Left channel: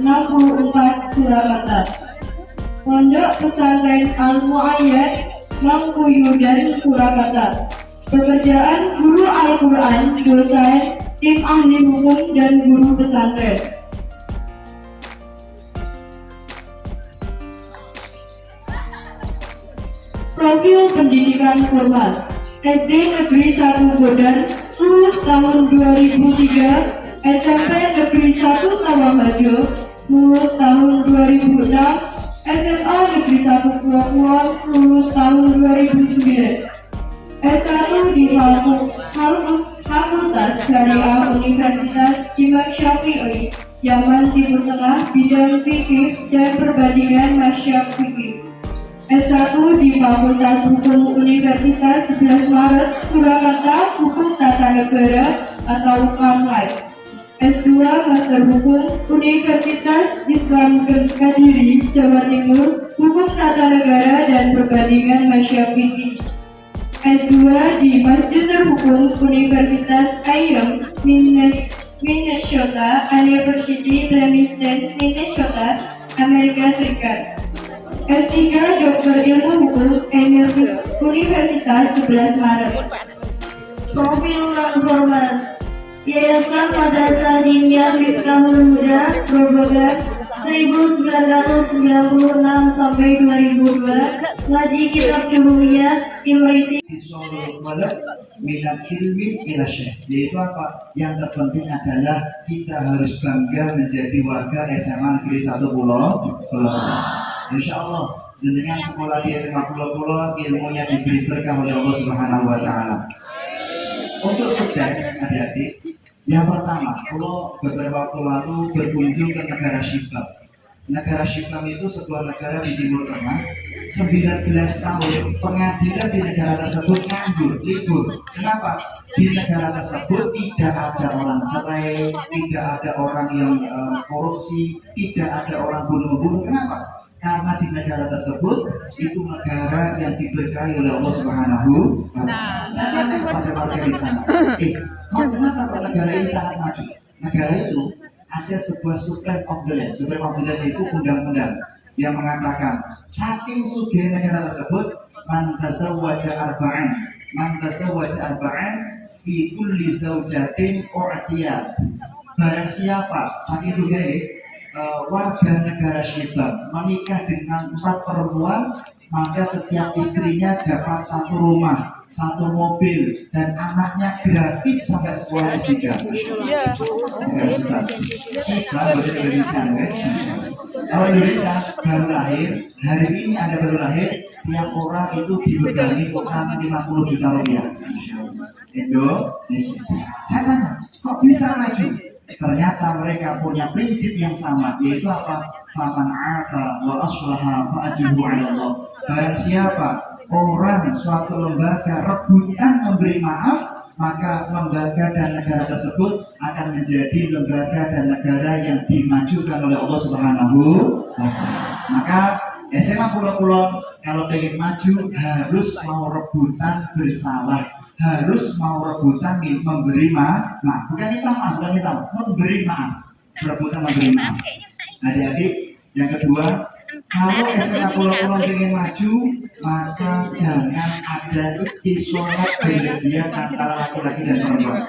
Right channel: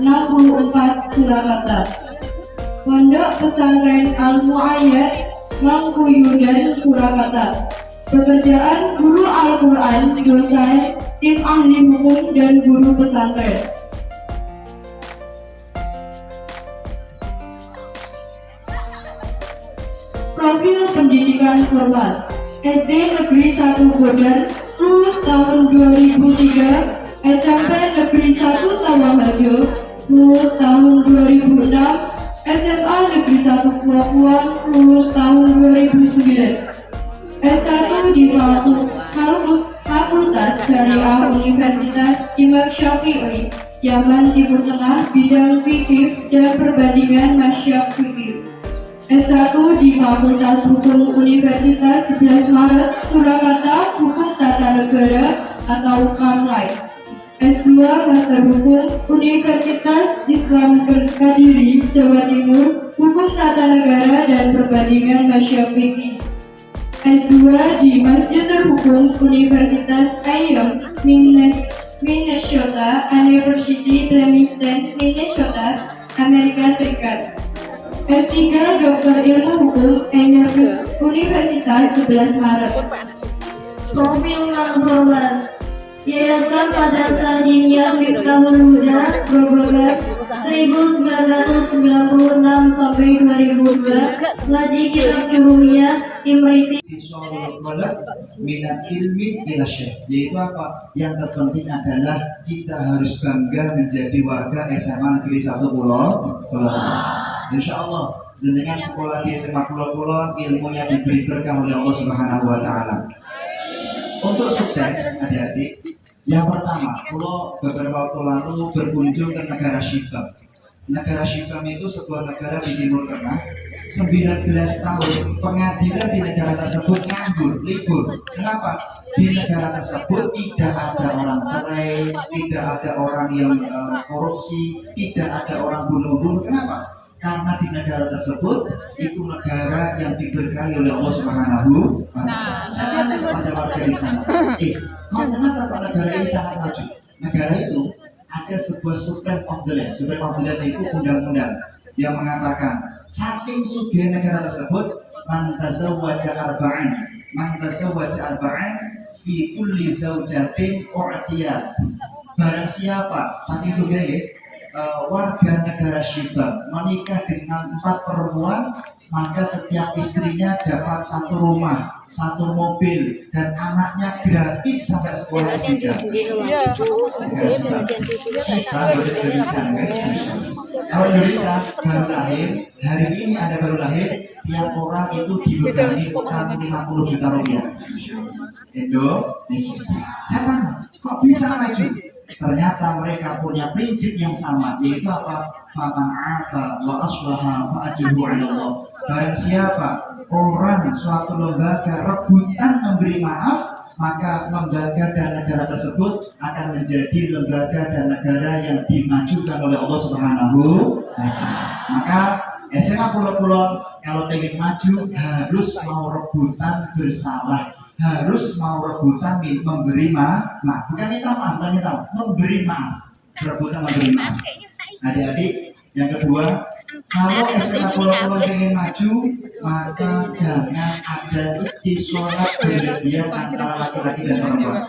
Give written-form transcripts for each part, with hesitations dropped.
64 Surakarta. Pondok Pesantren Al-Mu'ayyad Mangkuyudan Surakarta. Pekerjaan guru Al-Quran, dosen, tim ahli hukum, dan guru pesantren. Profil pendidikan formal: SD Negeri 1 Bodan, lulus tahun 2003. SMP Negeri 1 Tawaharjo, lulus tahun 2006. SMA Negeri 1 Pelabuhan, lulus tahun 2009. S1 di Fakultas Syariah Universitas Imam Syafi'i, Yaman Timur Tengah, bidang fikih dan perbandingan masyarakat fikih. S1 di Fakultas Hukum Universitas 11 Maret, Surakarta, Hukum Tata Negara atau Kamlai. S2 Master Hukum Universitas Islam Kediri, Jawa Timur, Hukum Tata Negara dan Perbandingan Masyarakat Fikih. S2 di Magister Hukum Universitas Ayam, Minnesota University, Bloomington, Minnesota, Amerika Serikat. S3 Doktor Ilmu Hukum Universitas 11 Maret. Profil non-formal: Yayasan Madrasah Diniyah Miftahul Huda, Grobogan, 1996 sampai 2002. Ngaji Kitab Juhuriyah Imriti. Minat ilmi ila syekh, yaitu apa? Yang terpenting adalah kita harus bangga menjadi warga SMA Negeri 1 Pulau. Insya Allah jenengan sekolah di SMA Pulau ilmunya diberi berkah oleh Allah Subhanahu Wa Taala. Untuk sukses adik-adik, yang pertama, kalau beberapa waktu lalu berkunjung ke negara Syibam. Negara Syibam itu sebuah negara di Timur Tengah. 19 tahun pengadilan di negara tersebut nganggur, libur. Kenapa? Di negara tersebut tidak ada orang cerai, tidak ada orang yang korupsi, tidak ada orang bunuh-bunuh. Kenapa? Karena di negara tersebut itu negara yang diberkahi oleh Allah Subhanahu wa Ta'ala. Saya tanya kepada warga di sana, kenapa negara ini sangat maju? Negara itu ada sebuah Supreme of the Land. Supreme of the Land itu undang-undang yang mengatakan saking sugih negara tersebut, man tazawwaja arba'an fi kulli zawjatin u'tiyah. Barang siapa saking sugih warga negara Syibam menikah dengan 4 perempuan, maka setiap istrinya dapat 1 rumah, 1 mobil, dan anaknya gratis sampai sekolah S3. Syibam bahasa Indonesia, kalau Indonesia baru lahir, hari ini ada baru lahir, tiap orang itu dibebani utang 50 juta rupiah. Indonesia. Saya tanya, kok bisa maju? Ternyata mereka punya prinsip yang sama, yaitu apa? Faman 'afa wa aslaha fa ajruhu 'ala Allah. Barang siapa orang suatu lembaga rebutan memberi maaf, maka lembaga dan negara tersebut akan menjadi lembaga dan negara yang dimajukan oleh Allah Subhanahu wa Ta'ala. Maka SMA Pulau kalau ingin maju harus mau rebutan bersalah, harus mau rebutan memberi maaf, bukan minta maaf, memberi maaf, rebutan memberi maaf. Adik-adik, yang kedua, kalau SMA Pulau ingin maju, maka jangan ada sholat berlebihan antara laki-laki dan perempuan.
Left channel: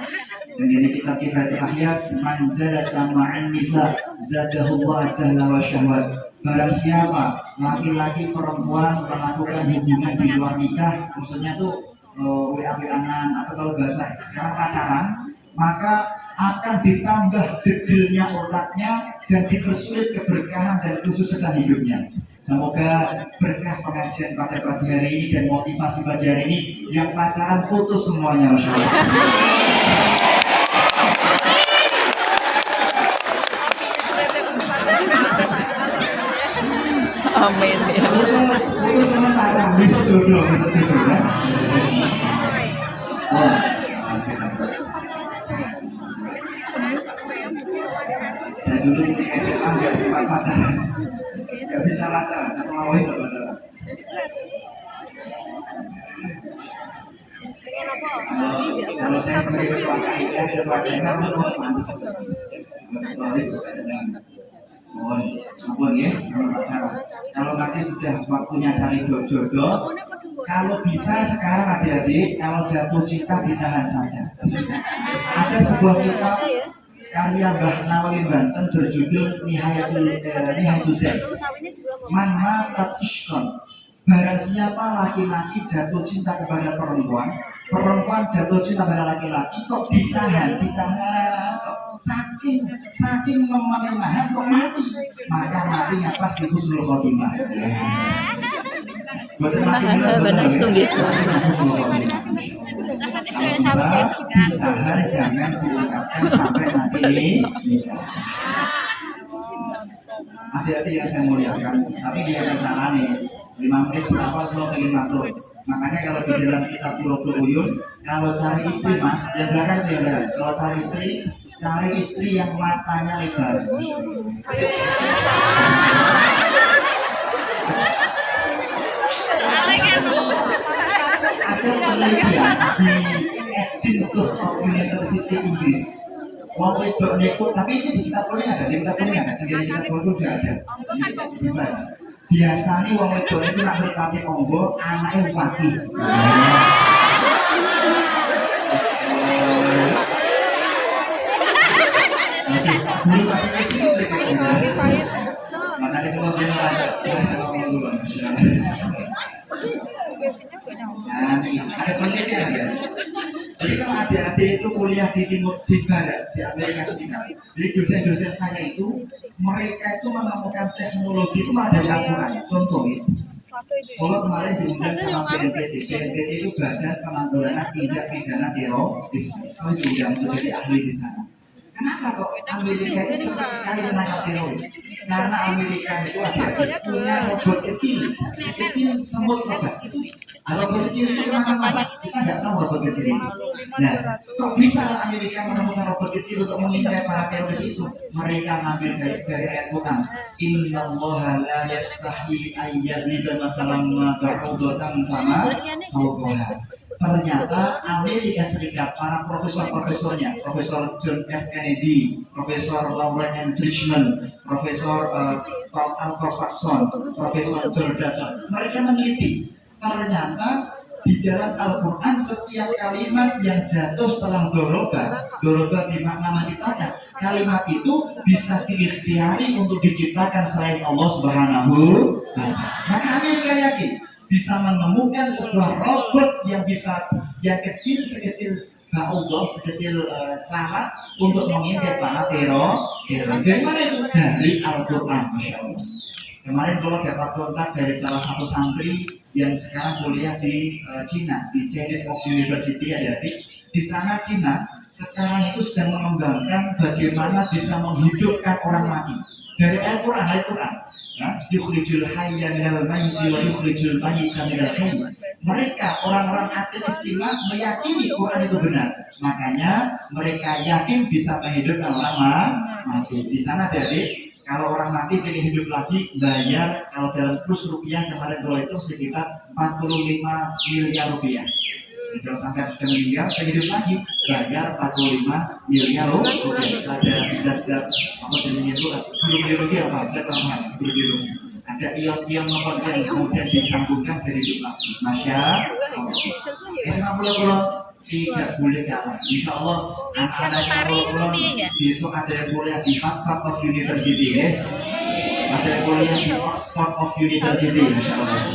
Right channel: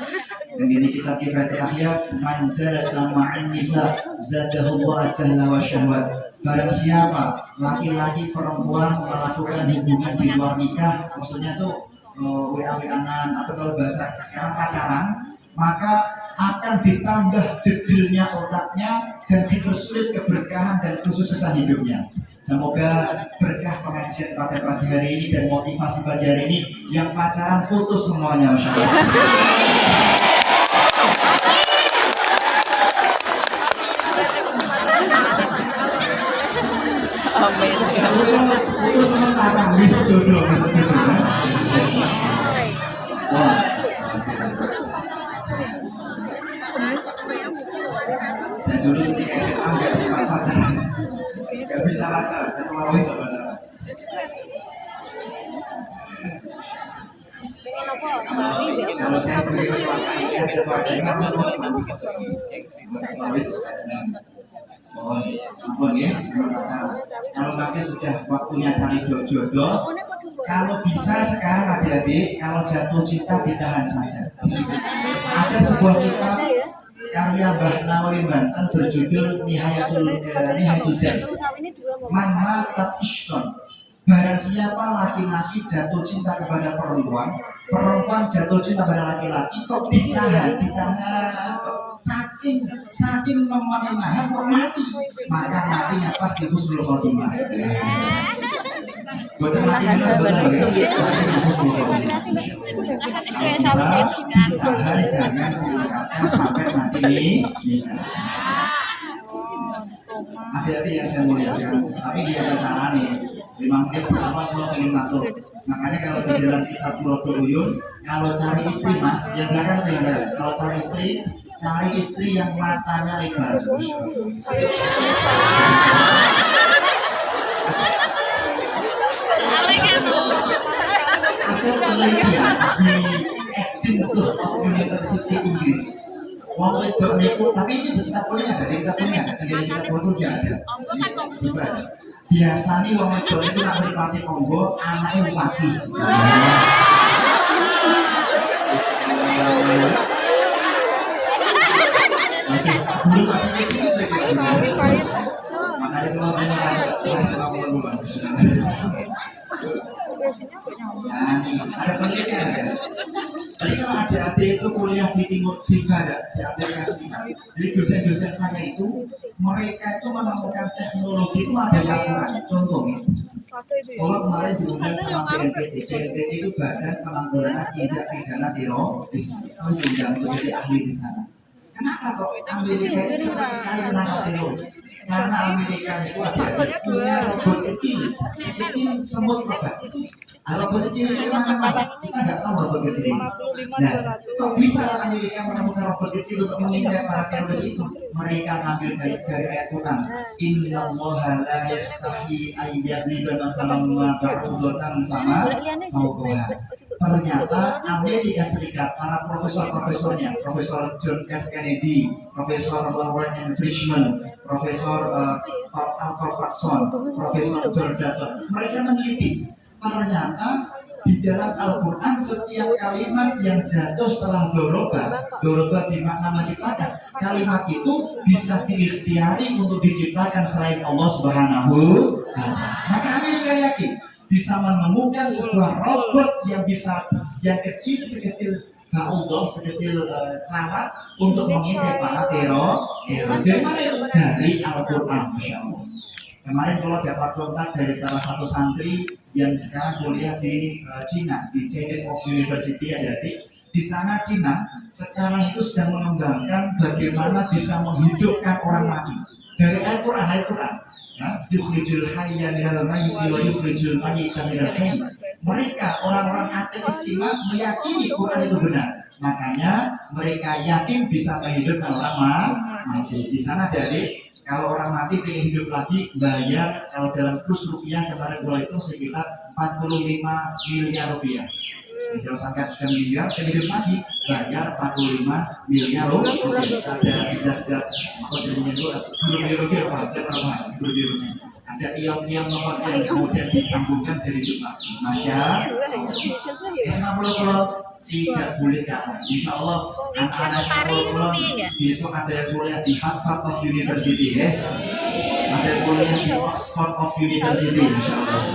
Dan ini kita terakhir, manjala sama'an nisa zadahullah jahla wa syahwat. Barang siapa laki-laki perempuan melakukan hubungan di luar nikah, maksudnya tuh WA-WA-an atau kalau bahasa sekarang pacaran, maka akan ditambah dedelnya otaknya dan dipersulit keberkahan dan kesuksesan hidupnya. Semoga berkah pengajian pada pagi hari ini dan motivasi pagi hari ini, yang pacaran putus semuanya, Masya Allah. Putus sementara, bisa jodoh ya. Saya dulu ini SMA nggak suka pacaran, nggak bisa pacaran, ketemu orang bisa pacaran. Kalau saya sebagai ketua KIA, ketua KIA, Oh, ampun ya, pacaran. Kalau nanti sudah waktunya cari jodoh, kalau bisa sekarang adik-adik, kalau jatuh cinta ditahan saja. Ada sebuah kitab karya Mbah Nawawi Banten berjudul Nihayatul Zen. Mama Tatishkon. Barang siapa laki-laki jatuh cinta kepada perempuan, perempuan jatuh cinta pada laki-laki, kok ditahan, saking menahan kok mati, maka matinya pasti husnul khotimah. Betul mati benar. Ditahan, jangan diungkapkan sampai mati nikah. Hati-hati yang saya muliakan, tapi dia ada cara nih. 5 menit berapa kalau pengen matur. Makanya kalau di dalam kitab Qurratul Uyun, kalau cari istri mas, yang belakang itu yang belakang. Kalau cari istri yang matanya lebar. Ada penelitian di Edinburgh University Inggris. Wong wedok niku, tapi ini di kitab kuliah ada, di kitab kuliah ada. Biasanya wong wedok itu nak berpati onggo, anaknya bupati. Oke, dulu masih kecil makanya kalau saya ada penelitian ya. Jadi kalau adik-adik itu kuliah di timur, di barat, di Amerika Serikat. Jadi dosen-dosen saya itu, mereka itu menemukan teknologi itu ada yang kurang. Contohnya, kalau kemarin diundang sama BNPT, BNPT itu Badan Penanggulangan Tindak Pidana Teroris. Kami diundang untuk jadi ahli di sana. Kenapa kok Amerika itu cepat sekali menangkap teroris? Karena Amerika itu ada punya robot kecil, sekecil semut robot itu. Robot kecil itu apa? Kita nggak tahu robot kecil ini. Nah, kok bisa Amerika menemukan robot kecil untuk mengintai para teroris itu? Mereka ngambil dari ayat Quran. Innallaha la yastahi ayyadriba mathalan ma ba'udatan fama fawqaha. Ternyata Amerika Serikat, para profesor-profesornya, Profesor John F. Kennedy, Profesor Warren M. Frischman, Profesor Alfred Parson, Profesor George Dutton, mereka meneliti. Ternyata di dalam Al-Quran setiap kalimat yang jatuh setelah doroba bermakna menciptakan, kalimat itu bisa diikhtiari untuk diciptakan selain Allah Subhanahu wa Ta'ala. Maka Amerika yakin bisa menemukan sebuah robot yang kecil sekecil ba'udah, sekecil lalat untuk mengintai para teroris. Dari mana itu? Dari Al-Quran, Masya Allah. Kemarin kalau dapat kontak dari salah satu santri yang sekarang kuliah di Cina, di Chinese University ada di sana Cina sekarang itu sedang mengembangkan bagaimana bisa menghidupkan orang mati dari Al-Quran. Ya, yukhrijul hayya minal mayyiti wa yukhrijul mayyita minal hayy. Mereka orang-orang ateis Cina meyakini Quran itu benar. Makanya mereka yakin bisa menghidupkan orang mati. Di sana dari kalau orang mati pengen hidup lagi bayar, kalau dalam kurs rupiah kemarin kalau itu sekitar 45 miliar rupiah. Kalau sampai miliar pengen hidup lagi bayar 45 miliar rupiah. Ada zat-zat biologi apa? Biologi. Ada ion-ion nomor yang kemudian disambungkan dari hidup lagi. Masya Allah. Tidak boleh kalah. Insya Allah anak-anak sekolah besok ada yang kuliah di Harvard of University ya. Ada yang kuliah di Oxford of University, Insya Allah.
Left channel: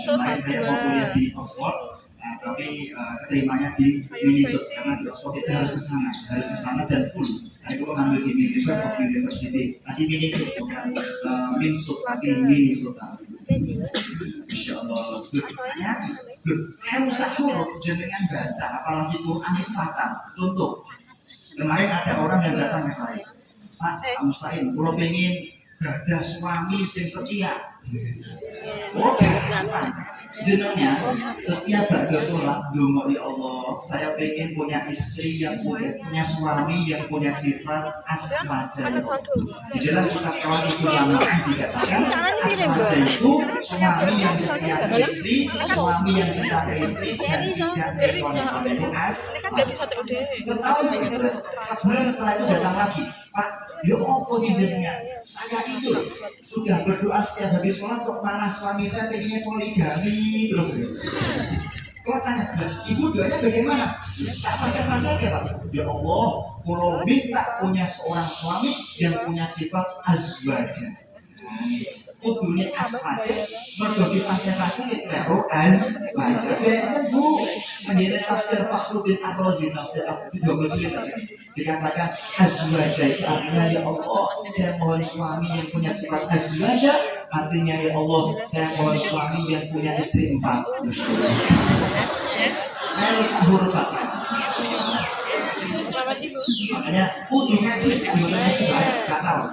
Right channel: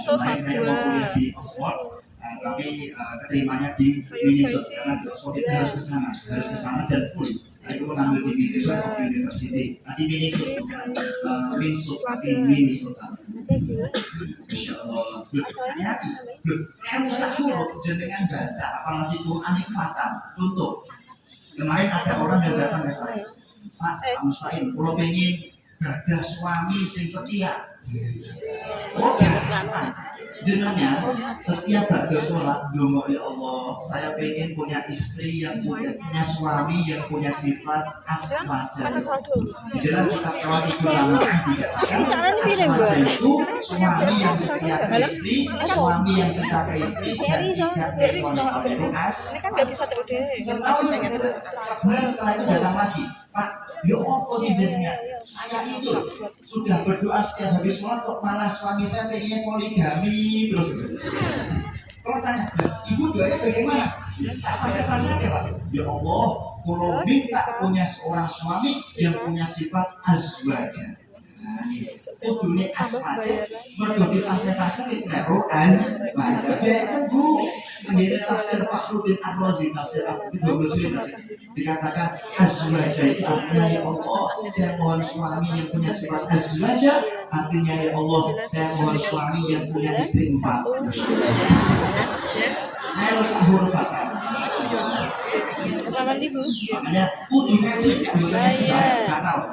Kemarin saya mau kuliah di Oxford, tapi keterimanya di Minnesota karena di Oxford itu harus ke sana dan full. Saya dulu ngambil di Minnesota of University, di Minnesota. Insya Allah. Rusak huruf jenengan baca, apalagi Quran itu fatal. Contoh, kemarin ada orang yang datang ke saya, Pak Mustahil, kalau pengen gadah suami sing setia. Oke, jenengan setiap gadah sholat, dungo ya Allah, saya pengen punya istri yang punya suami yang punya sifat aswaja. Di dalam kitab Quran itu lama dikatakan aswaja itu suami yang setia ke istri, suami yang cinta ke istri dan tidak berkon-kon itu aswaja. Setahun sebulan setelah itu datang lagi, Pak, yo apa sih jenengan? Saya itu sudah berdoa setiap habis sholat kok malah suami saya pengennya poligami terus. Kalau tanya, ibu doanya bagaimana? Apa saja Pak? Ya Allah, kalau minta punya seorang suami yang punya sifat azwaja. Kudune asmaja, mergo kita asal-asal itu azwaja. Betul Bu. Menjadi tafsir Fakhruddin Ar-Razi, tafsir Fakhruddin 20 jilid dikatakan azwaja itu artinya ya Allah, saya mohon suami yang punya sifat azwaja. Artinya ya Allah, saya mohon suami yang punya istri 4. Harus sahur fatal. Makanya kudu ngaji, kudu ngaji nggak tahu.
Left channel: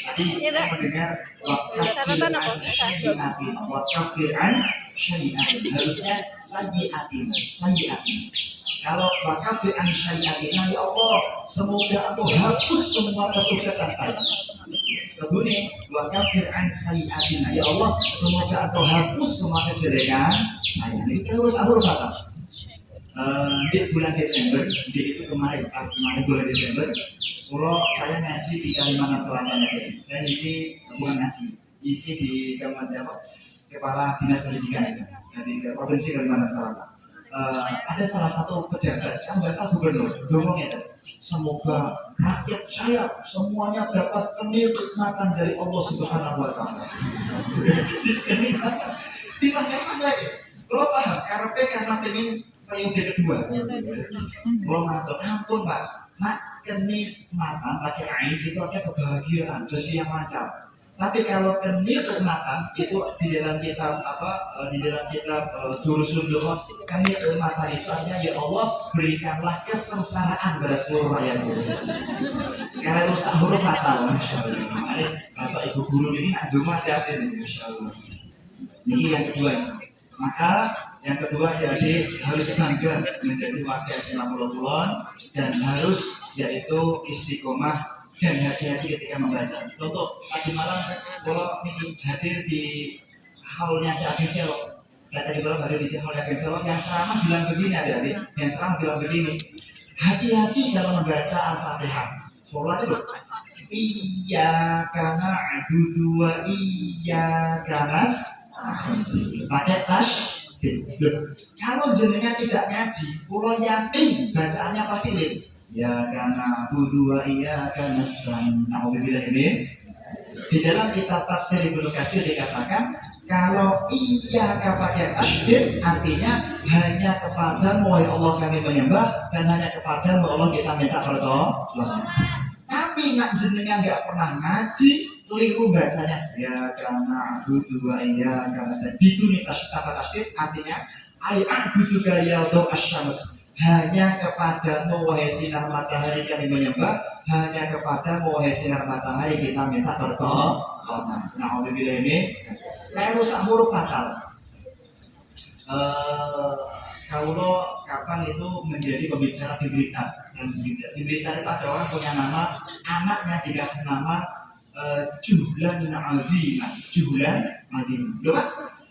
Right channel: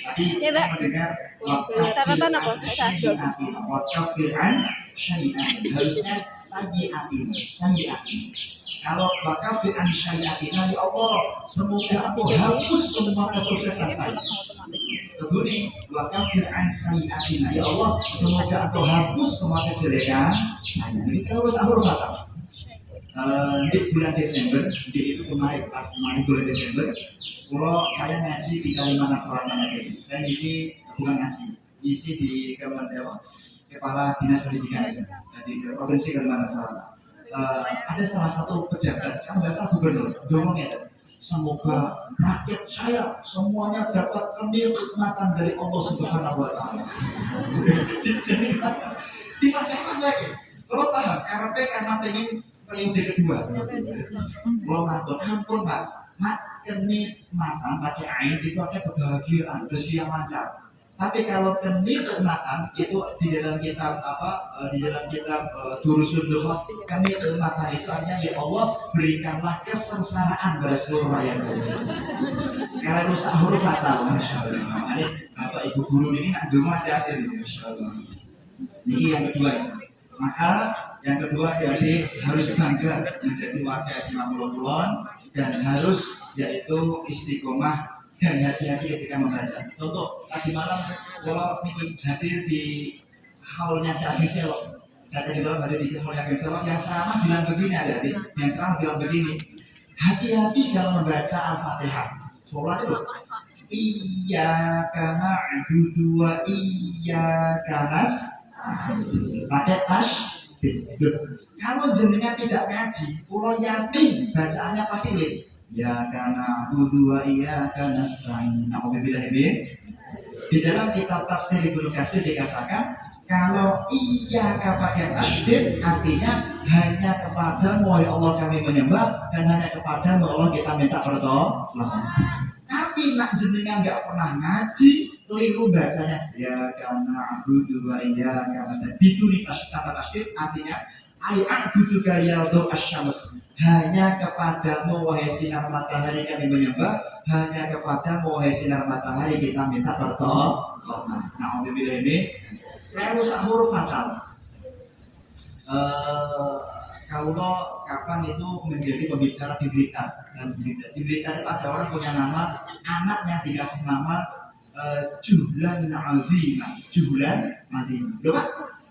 Tadi saya mendengar wakafir an syai'atin, harusnya sayyi'atin. Kalau wakafir an syai'atin, ya Allah, semoga aku hapus semua kesuksesan saya. Kemudian wakafir an sayyi'atin, ya Allah, semoga aku hapus semua kejelekan saya. Ini terus sahur fatal. Di bulan Desember, itu kemarin bulan Desember, kalau saya ngaji di Kalimantan Selatan lagi, saya isi bukan ngaji, isi di Kepala Dinas Pendidikan di Provinsi Kalimantan Selatan. Ada salah satu pejabat, kan nggak salah gubernur, ngomongnya, semoga rakyat saya semuanya dapat kenikmatan dari Allah Subhanahu Wa Taala. Di masa saya, kalau paham, karena pengen periode kedua. Mau ngatur, ampun Pak, nak kenikmatan pakai ain itu ada kebahagiaan, rezeki yang lancar. Tapi kalau kenikmatan itu di dalam kitab Durusul Lughah, kenikmatan itu artinya ya Allah berikanlah kesengsaraan pada seluruh rakyat. Karena itu sahur fatal, masya Allah. Makanya bapak ibu guru ini nak cuma hati-hati nih, masya Allah. Jadi yang kedua, maka yang kedua jadi harus bangga menjadi warga Islam Kulon dan harus yaitu istiqomah dan hati-hati ketika membaca. Contoh tadi malam kalau ini hadir di haulnya Cak Selok, saya tadi malam hadir di haulnya Cak Selok, yang ceramah bilang begini, yang ceramah bilang begini, hati-hati dalam membaca Al-Fatihah. Sholat itu iyyaka na'budu wa iyyaka nasta'in. Pakai tas. Kalau jenengan tidak ngaji, kalau yatim bacaannya pasti lin. Ya karena dua iya karena selain nauzubillah di dalam kitab tafsir Ibnu Katsir dikatakan kalau iya pakai tasydid artinya hanya kepadamu ya Allah kami menyembah dan hanya kepadamu Allah kita minta pertolongan. Tapi nak jenengan nggak pernah ngaji, keliru bacanya ya karena dua iya karena biduni kata tasydid artinya ayat butuh gaya untuk asyams. Hanya kepadamu wahai sinar matahari kami menyembah, hanya kepadamu wahai sinar matahari kita minta pertolongan. Nauzubillah ini lalu sahur fatal. Kalau kapan itu menjadi pembicara di Blitar dan di Blitar itu ada orang punya nama, anaknya dikasih nama Juhlan Azimah. Juhlan Azimah. Loh Pak,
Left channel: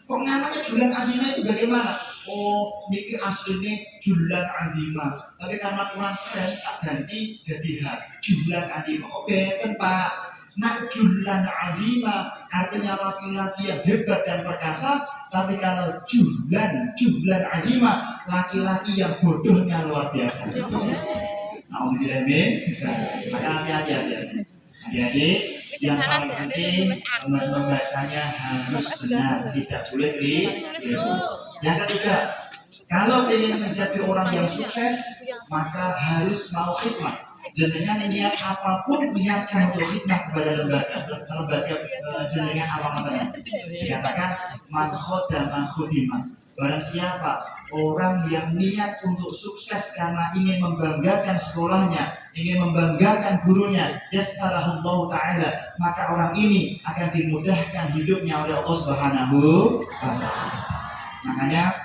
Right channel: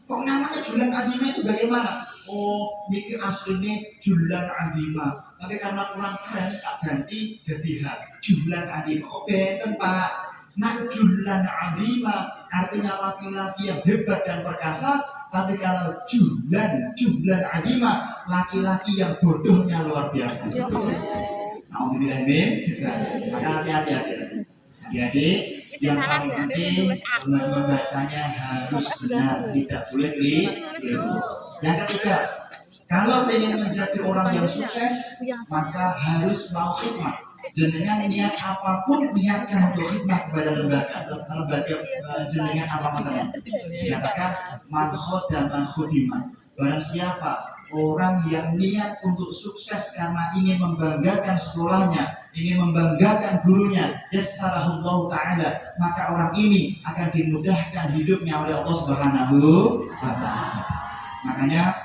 kok namanya Juhlan Azimah itu bagaimana? Oh, niki aslinya Juhlan Azimah. Tapi karena kurang keren, tak ganti jadi Juhlan Azimah. Oh, beten Pak. Nak Juhlan Azimah artinya laki-laki yang hebat dan perkasa. Tapi kalau Juhlan Azimah, laki-laki yang bodohnya luar biasa. Alhamdulillah, maka hati-hati. Jadi yang paling penting membacanya harus benar, tidak boleh keliru. Yang ketiga, kalau ingin menjadi orang yang sukses, maka harus mau khidmat. Jenengan niat apapun, niatkan untuk khidmat kepada lembaga jenengan apa namanya? Dikatakan man khoda man khudimah. Barang siapa orang yang niat untuk sukses karena ingin membanggakan sekolahnya, ingin membanggakan gurunya, yassarahullahu ta'ala, maka orang ini akan dimudahkan hidupnya oleh Allah Subhanahu wa ta'ala. Makanya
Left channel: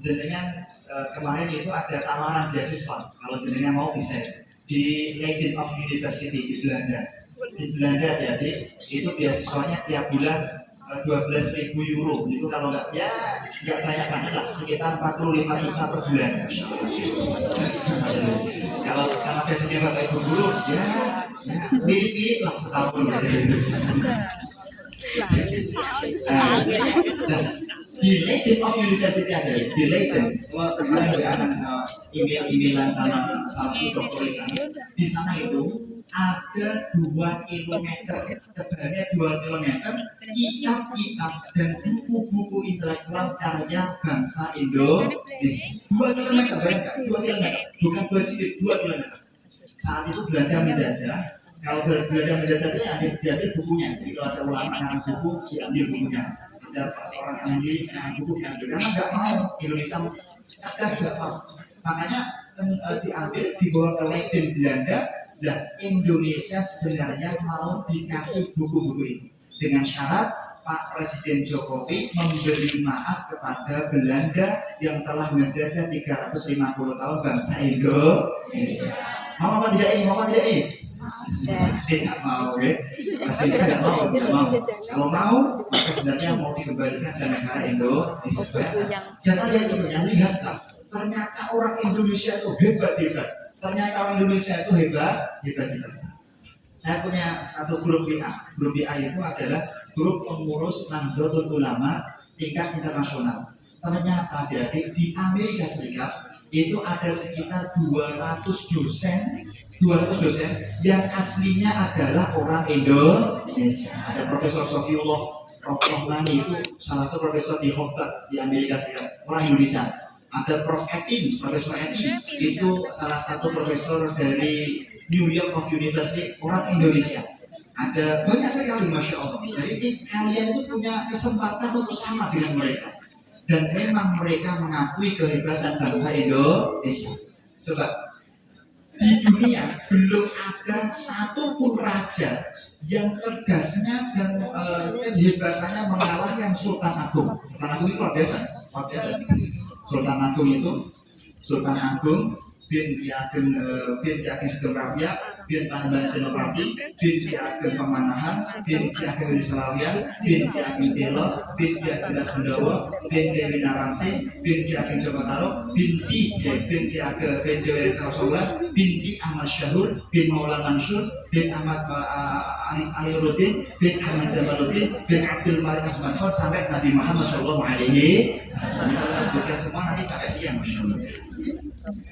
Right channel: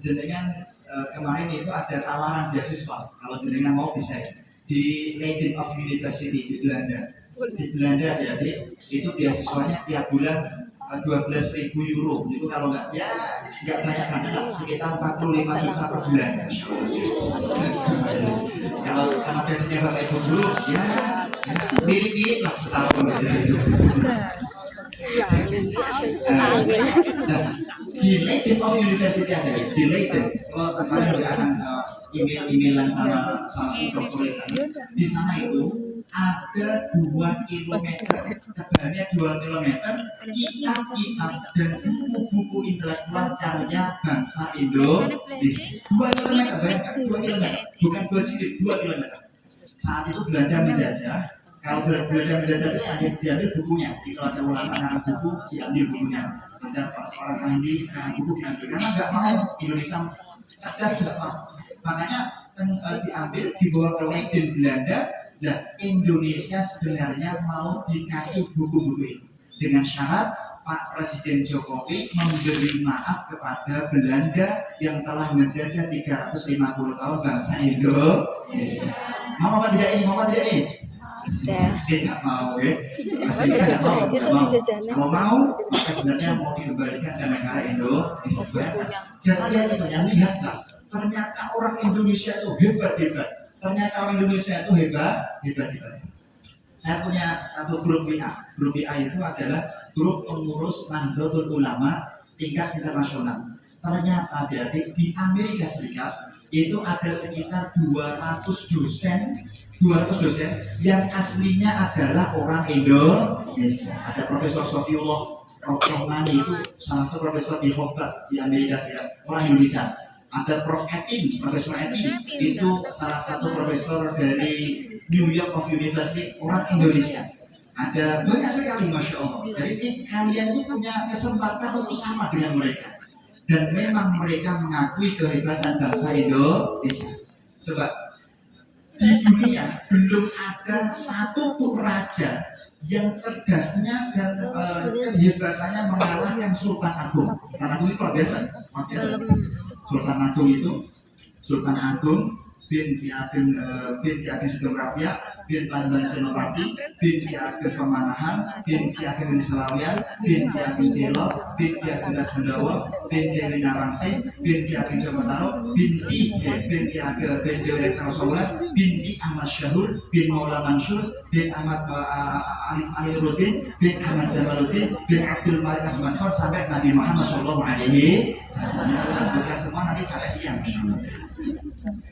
jenengan kemarin itu ada tawaran beasiswa, kalau jenengan mau bisa di Leiden of University di Belanda. Di Belanda jadi itu beasiswanya tiap bulan 12.000 euro. Itu kalau nggak banyak kan lah, sekitar 45 juta per bulan. Kalau sama gajinya Bapak Ibu guru ya Mirip-mirip lah setahun. Nah, di Leiden of University ada di Leiden. Kalau kemarin ada akan email-emailan sama salah satu dokter di sana. Di sana itu ada 2 kilometer, tebalnya 2 kilometer, kitab-kitab dan buku-buku intelektual karya bangsa Indonesia. 2 kilometer, bayangkan, 2 kilometer, bukan 2 jilid, 2 kilometer. Saat itu Belanda menjajah. Kalau Belanda menjajah itu diambil bukunya. Jadi kalau ada ulama yang buku, diambil bukunya. Ada seorang ahli yang buku diambil. Karena nggak mau Indonesia sadar nggak mau. Makanya diambil dibawa ke Leiden Belanda. Dan Indonesia sebenarnya mau dikasih buku-buku itu dengan syarat Pak Presiden Jokowi memberi maaf kepada Belanda yang telah menjajah 350 tahun bangsa Indonesia. Mau apa tidak ini? Mau apa tidak ini? Tidak mau, ya. Maksudnya tidak mau. Kalau mau, maka sebenarnya mau dikembalikan ke negara Indonesia. Jangan lihat itu, yang lihatlah. Ternyata orang Indonesia itu hebat-hebat. Ternyata orang Indonesia itu hebat. Saya punya satu grup WA. Grup WA itu adalah grup pengurus Nahdlatul Ulama tingkat internasional. Ternyata di Amerika Serikat itu ada sekitar 200 dosen yang aslinya adalah orang Indonesia. Ada Profesor Sofiullah Rohmani itu salah satu profesor di Harvard di Amerika Serikat, orang Indonesia. Ada Profesor Etin itu salah satu profesor dari New York of University, orang Indonesia. Ada banyak sekali, Masya Allah. Jadi kalian itu punya kesempatan untuk sama dengan mereka. Dan memang mereka mengakui kehebatan bangsa Indonesia. Coba, di dunia belum ada satupun raja yang cerdasnya dan kehebatannya mengalahkan Sultan Agung. Sultan Agung itu luar biasa. Sultan Agung bin Ki Ageng Sugeng Rabia bin Tanban Senopati bin Ki Ageng Pemanahan bin Ki Ageng Selawian bin Ki Ageng Selo bin Ki Ageng Dasmendawa bin Dewi Narangsi bin Ki Ageng Jogotaro bin Ki Ageng bin Dewi Rasulullah bin Ahmad Syahur bin Maula Mansur bin Ahmad Ali Rudin bin Ahmad Jalaluddin bin Abdul Malik Asmankhon sampai Nabi Muhammad Shallallahu Alaihi Wasallam. Sebutkan semua nanti sampai siang.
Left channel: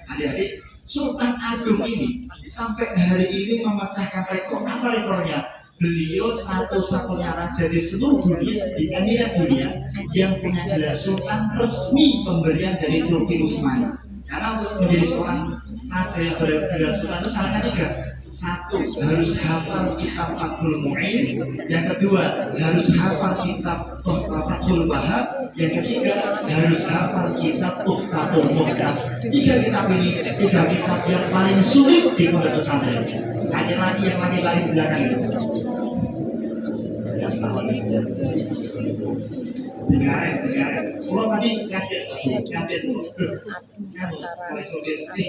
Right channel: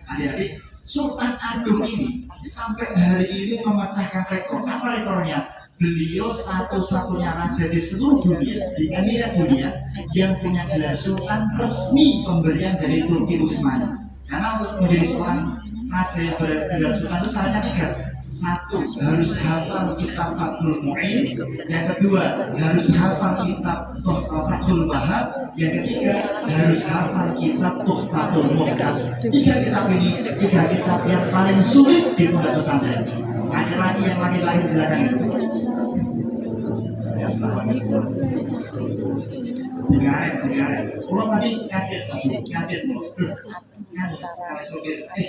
Adik-adik, Sultan Agung ini sampai hari ini memecahkan rekor. Apa rekornya? Beliau satu-satunya raja di seluruh dunia, di Emirat dunia, yang punya gelar Sultan resmi pemberian dari Turki Utsmani. Karena untuk menjadi seorang raja yang bergelar Sultan itu syaratnya 3. 1. Harus hafal kitab Fathul Mu'in. Yang kedua, harus hafal kitab Fathul Wahab. Yang ketiga, harus hafal kitab Tuhfatul Muhtas. 3 kitab ini, 3 kitab yang paling sulit di pondok pesantren. Laki-laki yang laki-laki di belakang itu. Dengar. Kalau tadi kaget.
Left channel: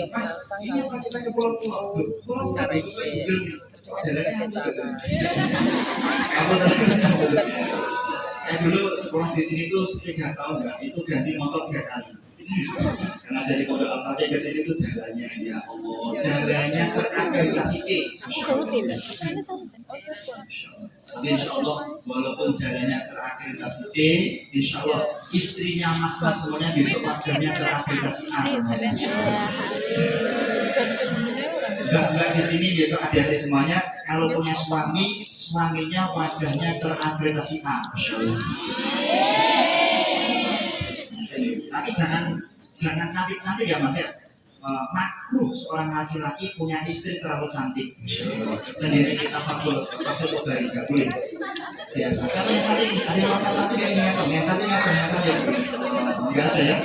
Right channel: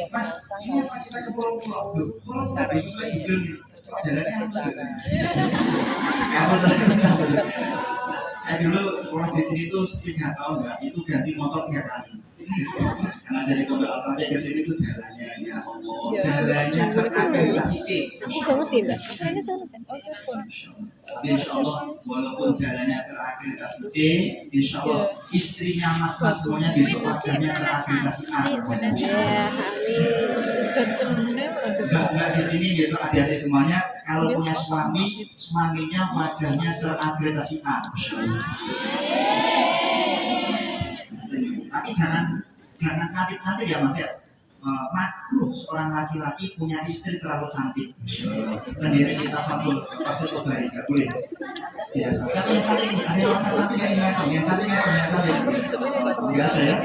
Mas, ini apa kita ke pulau-pulau? Pulau saya dulu sekolah di sini tuh 3 tahun nggak, itu ganti motor 3 kali. Karena dari pondok Al-Fatih ke sini tuh jalannya, ya Allah, jalannya terakreditasi C. Tapi insya Allah, walaupun jalannya terakreditasi C, insya Allah istrinya mas-mas semuanya besok wajahnya terakreditasi A. Enggak di sini besok adik-adik semuanya kalau punya suami, suaminya wajahnya terakreditasi A. Tapi jangan cantik-cantik ya Mas ya. Makruh seorang laki-laki punya istri terlalu cantik. Dan diri kita fakul masuk ke bari nggak boleh. Biasa. Tapi yang cantik ada yang cantik yang ini yang cantik nggak ada ya.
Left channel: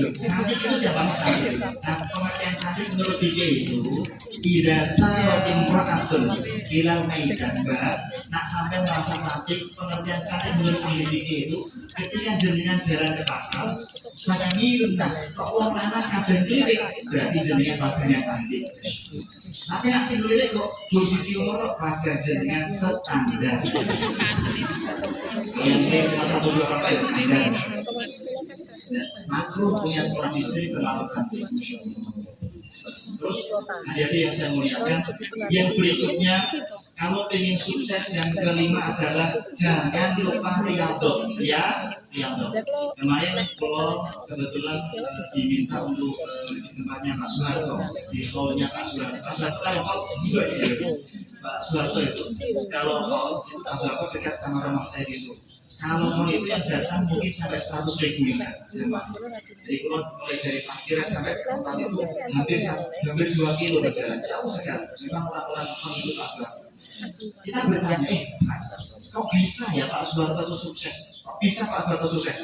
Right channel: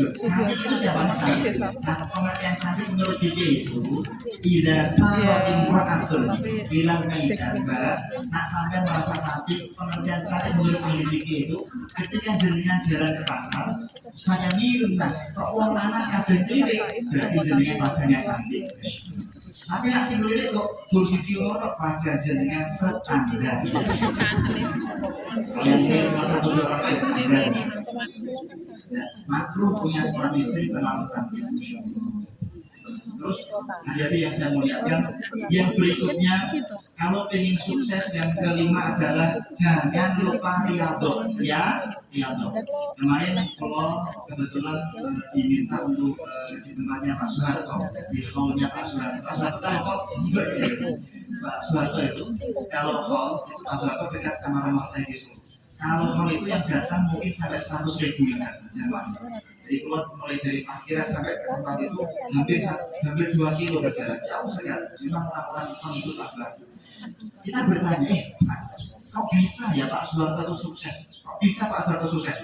Cantik itu siapa? Nah, pengertian cantik menurut fikih itu tidak salah imra'atun bilal maidan mbak. Nak sampai merasa cantik, pengertian cantik menurut ahli fikih itu ketika jenengan jalan ke pasar, pada minus, kok uang anak kadang lirik, berarti jenengan wajahnya cantik. Tapi nak sing lirik kok biji loro wajah jenengan standar. Yang ini satu dua apa ya standar. Makruh punya seorang istri terlalu cantik. Terus jadi yang saya muliakan, yang berikutnya kalau ingin sukses yang kelima adalah jangan lupa riyadhah ya, riyadhah. Kemarin kalau kebetulan diminta untuk di tempatnya Pak Soeharto, di hall-nya Pak Soeharto. Pak Soeharto kalau hall juga gitu. Pak Soeharto itu kalau hall Pak Soeharto dekat sama rumah saya di Solo. Kalau hall itu yang datang mungkin sampai 100.000 ya, jemaah. Jadi kalau mulai dari parkiran sampai ke tempat itu hampir 2 kilo berjalan, jauh sekali. Memang orang-orang mengikut Pak Soeharto. Kita bertanya, kok bisa ya Pak Soeharto itu sukses? Kok bisa Pak Soeharto sukses?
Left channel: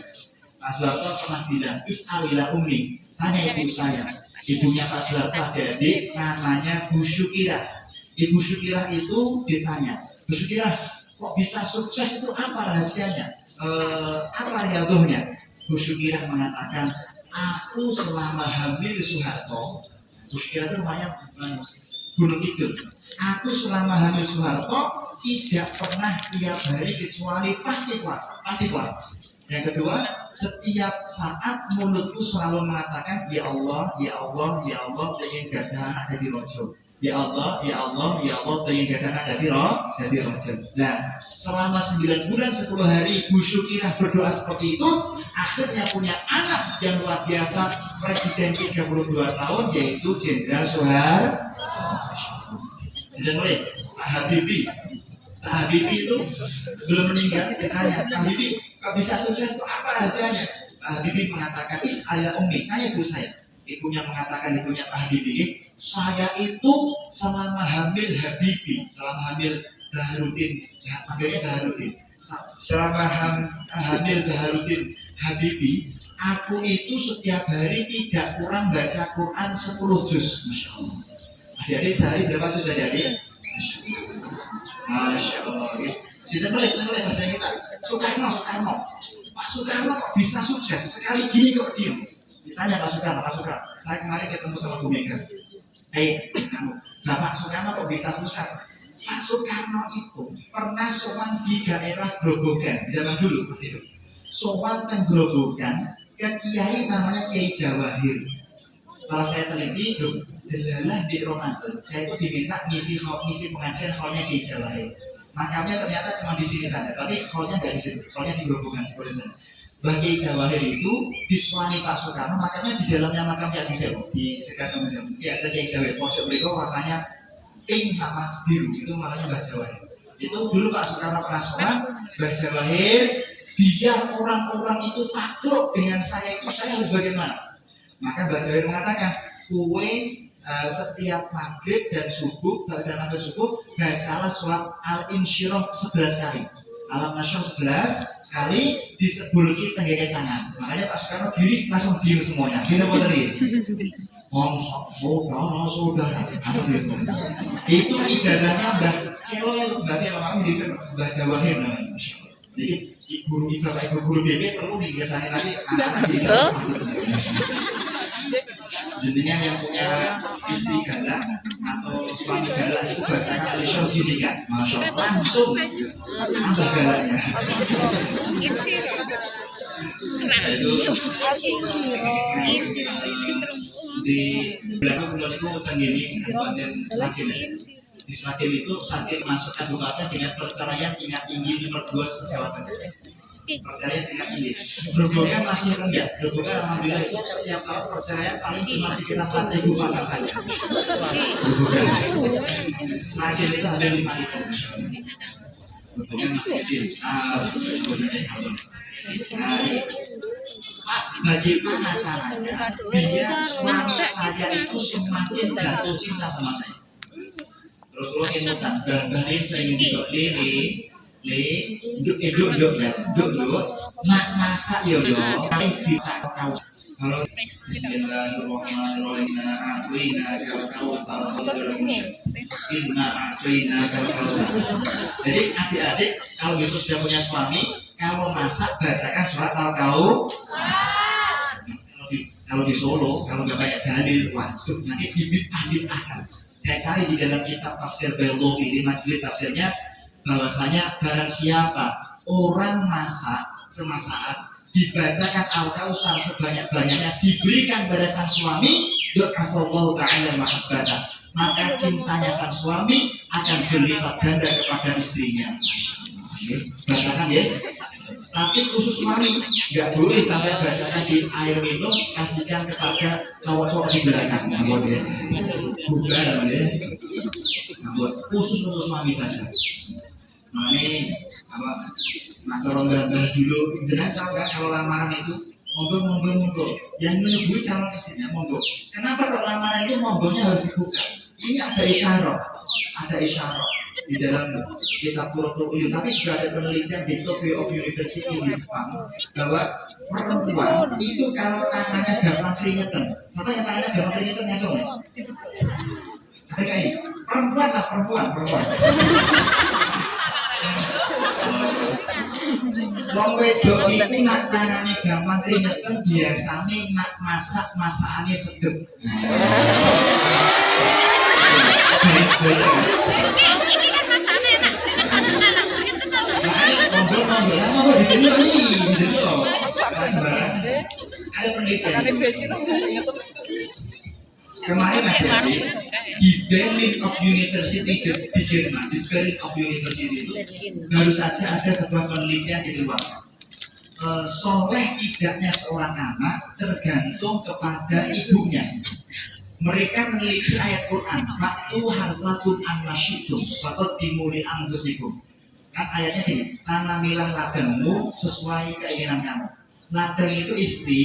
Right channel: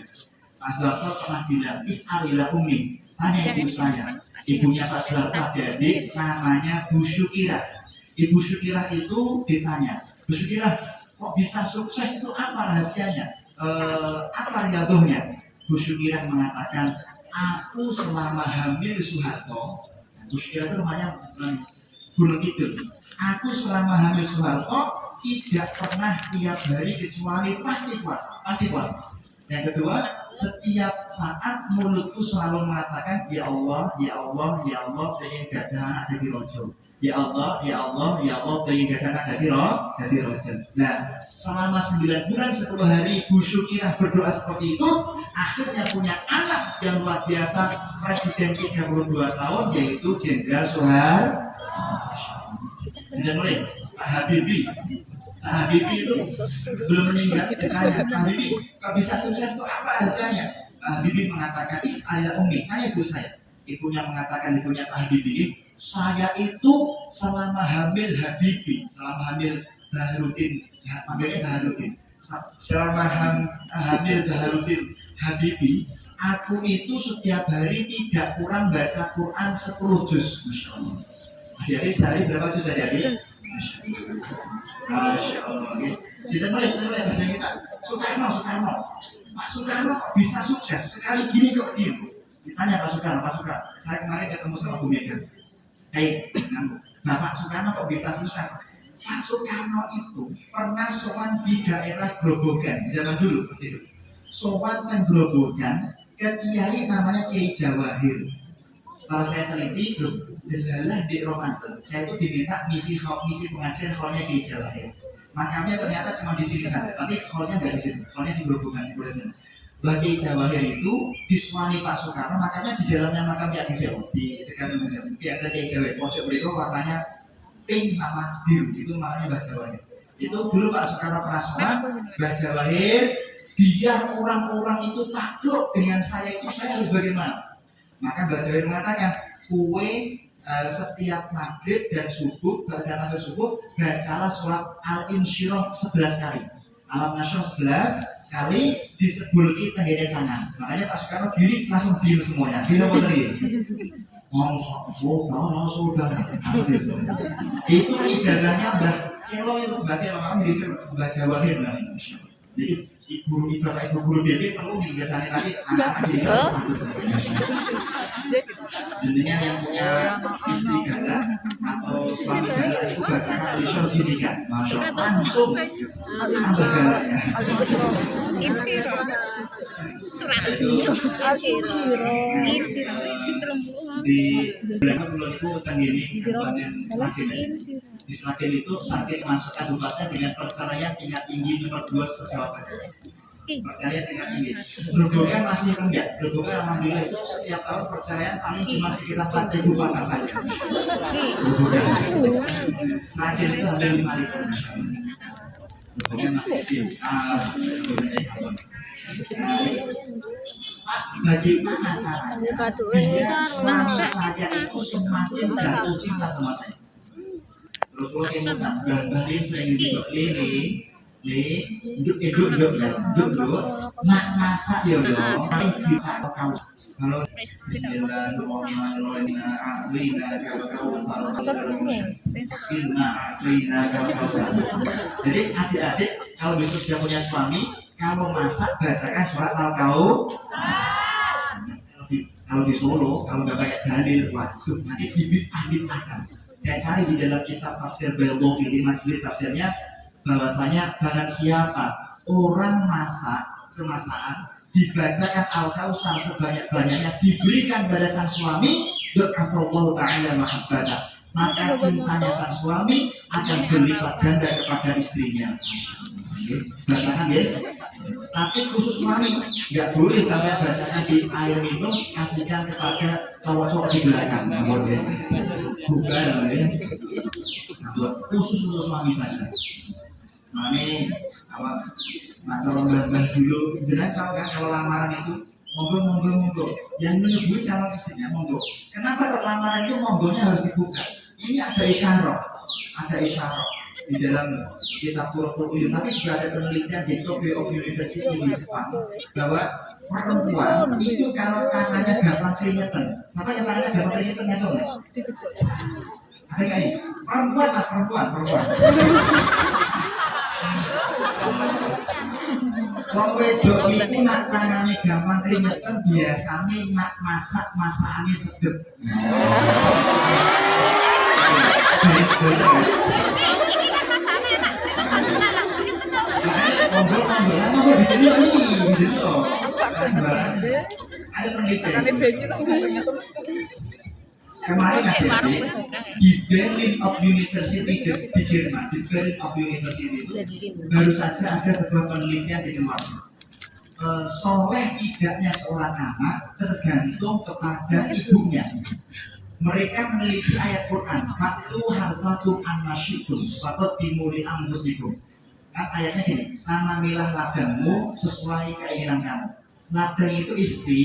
Pak Soeharto pernah bilang, is'alila ummi, tanya ibu saya. Ibunya Pak Soeharto ada adik namanya Bu Syukirah. Ibu Syukirah itu ditanya, Bu Syukirah, kok bisa sukses itu apa rahasianya? Apa riyadhahnya? Bu Syukirah mengatakan, aku selama hamil Soeharto, Bu Syukirah itu rumahnya Gunung Kidul. Aku selama hamil Soeharto tidak pernah tiap hari kecuali pasti puasa. Yang kedua, setiap saat mulutku selalu mengatakan, ya Allah, ya Allah, ya Allah, pengen gadah anak jadi rojo. Ya Allah, ya Allah, ya Allah, pengen gadah anak jadi rojo. Nah, selama 9 bulan 10 hari Bu Syukirah berdoa seperti itu, akhirnya punya anak yang luar biasa, Presiden 32 tahun, yaitu Jenderal Soeharto. Dan mulai Pak Habibie itu sebelum meninggal ditanya, Pak Habibie, kok bisa sukses itu apa rahasianya? Pak Habibie mengatakan, is'ala ummi, tanya ibu saya. Ibunya mengatakan, ibunya Pak Habibie, saya itu selama hamil Habibie, selama hamil Baharudin, panggilnya Baharudin, selama hamil Baharudin Habibie, aku itu setiap hari tidak kurang baca Quran 10 juz. Masya Allah. Jadi sehari berapa juz saja? Masya Allah. Kita mulai bahasa kita. Soekarno. Pak Soekarno kok bisa sukses? Sekali gini kok diem. Ditanya Pak Soekarno. Saya kemarin ketemu sama Bu Mega. Bapak Soekarno kok bisa sukses? Pak Soekarno itu pernah sowan di daerah Grobogan zaman dulu Mas itu. Sowan dan Grobogan ke kiai namanya Kiai Jawahir. Setelah saya teliti, delalah di Ramadan, saya itu diminta misi pengajian hallnya Kiai Jawahir. Makamnya ternyata cuma di sini saja, tapi hallnya nggak di sini, hallnya di Grobogan. Bagi Jawahir itu diswani Pak Soekarno, makamnya di jalannya makam Kiai Jawahir, di dekat ada Kiai Jawahir. Pojok berikut warnanya pink sama biru, itu makanya Mbah Jawahir. Itu dulu Pak Soekarno pernah sowan, Mbah Jawahir, biar orang-orang itu takluk dengan saya itu, saya harus bagaimana? Maka Mbah Jawahir mengatakan, kue setiap maghrib dan subuh, dan maghrib subuh, bacalah sholat al-insyirah 11 kali. Al-nasyr 11 kali disebulki tenggene kanan. Makanya Pak Soekarno diri langsung diem semuanya. Diem apa tadi? Saudara. Itu ijazahnya Mbah Celo itu Mbah Celo kami di Mbah Jawahir. Jadi guru BP perlu dibiasakan lagi jadinya yang punya istri ganda atau suami ganda itu bacaan Alisho gini kan, masya Allah langsung tambah galanya. Di belakang bulan itu tenggini kabupaten Sragen. Di Sragen itu saking masuk kabupaten dengan perceraian tingkat tinggi nomor 2 se-Jawa Tengah. Perceraian tingkat tinggi. Grobogan masih rendah. Grobogan alhamdulillah itu setiap tahun perceraian paling cuma sekitar 4.000 pasang saja. Grobogan. Sragen itu hampir 5.000. Grobogan masih kecil. Bagaimana caranya biar suami saya itu semakin jatuh cinta sama saya? Terus kalau yang mau gambarin saya ini duduk, nak masak yo, bisa kau. Kalau Bismillahirrahmanirrahim, jadi adik-adik kalau besok sudah punya suami, kalau masak bacakan surat al-kau. Kalau di Solo, kalau nggak pakai dalil, waduh nanti bibit-bibit. Saya cari di dalam kitab tafsir Baydawi, majelis tafsirnya, bahwasanya barang siapa orang masak kemasakan dibacakan al-kausar sebanyak-banyaknya diberikan pada sang suami, Do'afallahu ta'ala mahabbata, maka cintanya sang suami akan berlipat ganda kepada istrinya. Bacakan ya. Tapi khusus suami nggak boleh sampai bacakan di air minum kasihkan kepada cowok-cowok di belakang. Nggak boleh. Bukan ya. Khusus untuk suami saja. Nah ini apa? Nah kalau nggak dulu, jangan tahu kan kalau lamaran itu monggo. Yang menyebut calon istrinya monggo. Kenapa kalau lamaran itu monggonya harus dibuka? Ini ada isyarat di dalam kitab Qur'an, tapi juga ada penelitian di Tokyo of University di Jepang bahwa perempuan itu kalau tangannya gampang keringetan, siapa yang tangannya gampang keringetan ya dong? Ada kayak perempuan. Wong wedok itu nak tangannya gampang keringetan biasanya nak masakane sedep. Monggo diteliti ini loh. Ada penelitian. Kemarin ada di Berlin of University di Jerman, di Berlin of University itu baru saja ada sebuah penelitian dikeluarkan. Soleh tidaknya seorang anak tergantung kepada ibunya. Mereka meneliti ayat Quran, "Faktu harsatum annasyitum, fakut timuri anfusikum." Kan ayatnya gini, tanamilah ladangmu sesuai keinginan kamu. Ladang itu istri,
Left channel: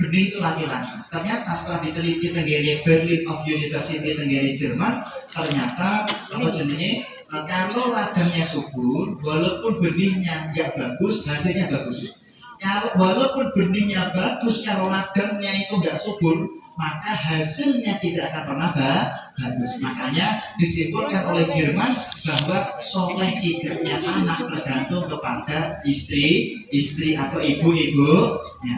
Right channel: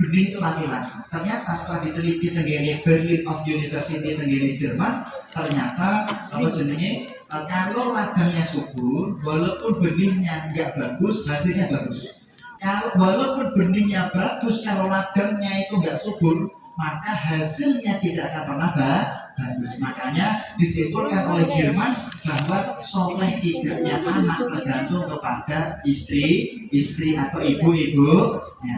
benih itu laki-laki. Ternyata setelah diteliti tenggene Berlin of University tenggene Jerman, ternyata kalau ladangnya subur, walaupun benihnya nggak bagus, hasilnya bagus. Kalau walaupun benihnya bagus, kalau ladangnya itu nggak subur, maka hasilnya tidak akan pernah bagus. Makanya disimpulkan oleh Jerman bahwa soleh tidaknya anak tergantung kepada istri atau ibu-ibunya.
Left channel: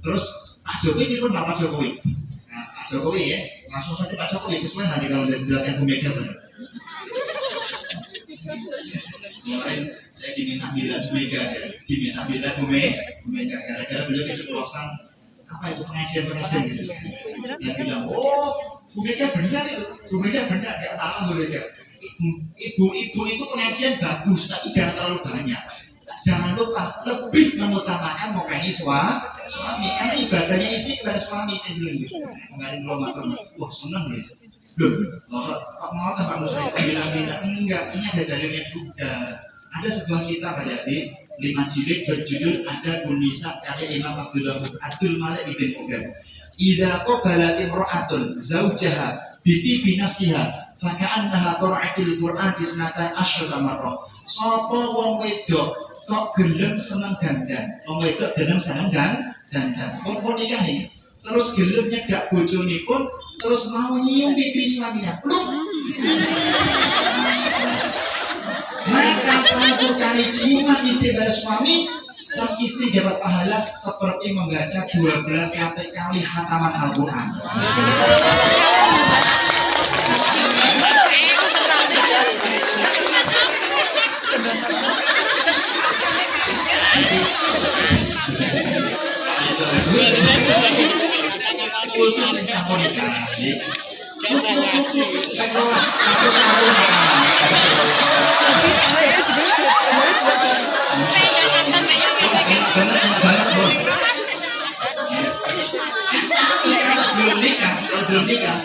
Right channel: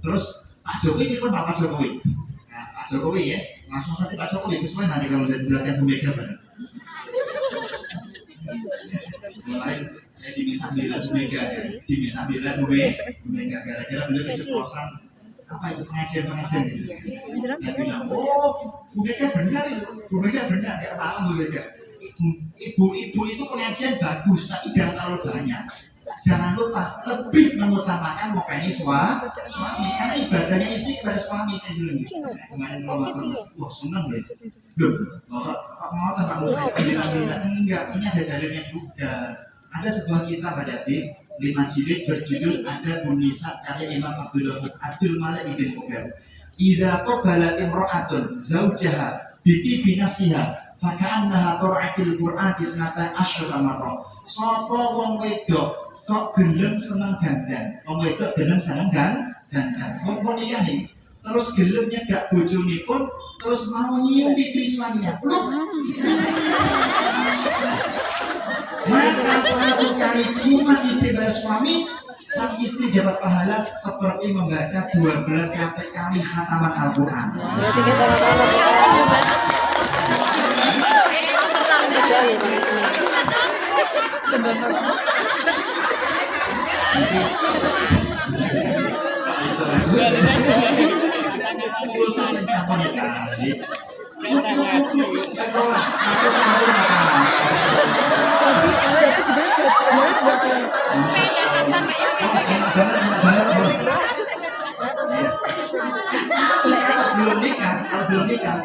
Terus Pak Jokowi ini pun Pak Jokowi. Nah, Pak Jokowi ya, langsung saja Pak Jokowi kesuwen nanti kalau dijelaskan Bu Mega benar. Kemarin saya diminta bela Bu Mega, gara-gara beliau keceplosan apa itu pengajian gitu. Dia bilang, Bu Mega benar itu, nggak salah Bu Mega. Ibu-ibu itu pengajian bagus, tapi jangan terlalu banyak. Jangan lupa lebih mengutamakan mukanya suami, karena ibadahnya istri kepada suami sebelum itu. Kemarin Ramadan, wah seneng deh. Kok mau tak bilang enggak, ini ada dalilnya juga. Ada sebuah kitab adik-adik 5 jilid berjudul Ada Bunisa karya Imam Abdul Malik ibn Qudam. Idza qabalat imra'atun zawjaha bi binafsiha fa ka'annaha qira'atul Qur'an bisnata asyra marrah. Sapa wong wedok kok gelem seneng dandan. Wong wedok gelem seneng dandan. Mun nikah nih, terus gelem nyedak bojone pun terus mau nyium pipi suaminya. Maka satu kali ciuman istri dari suami, sang istri dapat pahala seperti membaca 12 kali khataman Al-Quran. Khusus yang sama nikah. Belum nikah,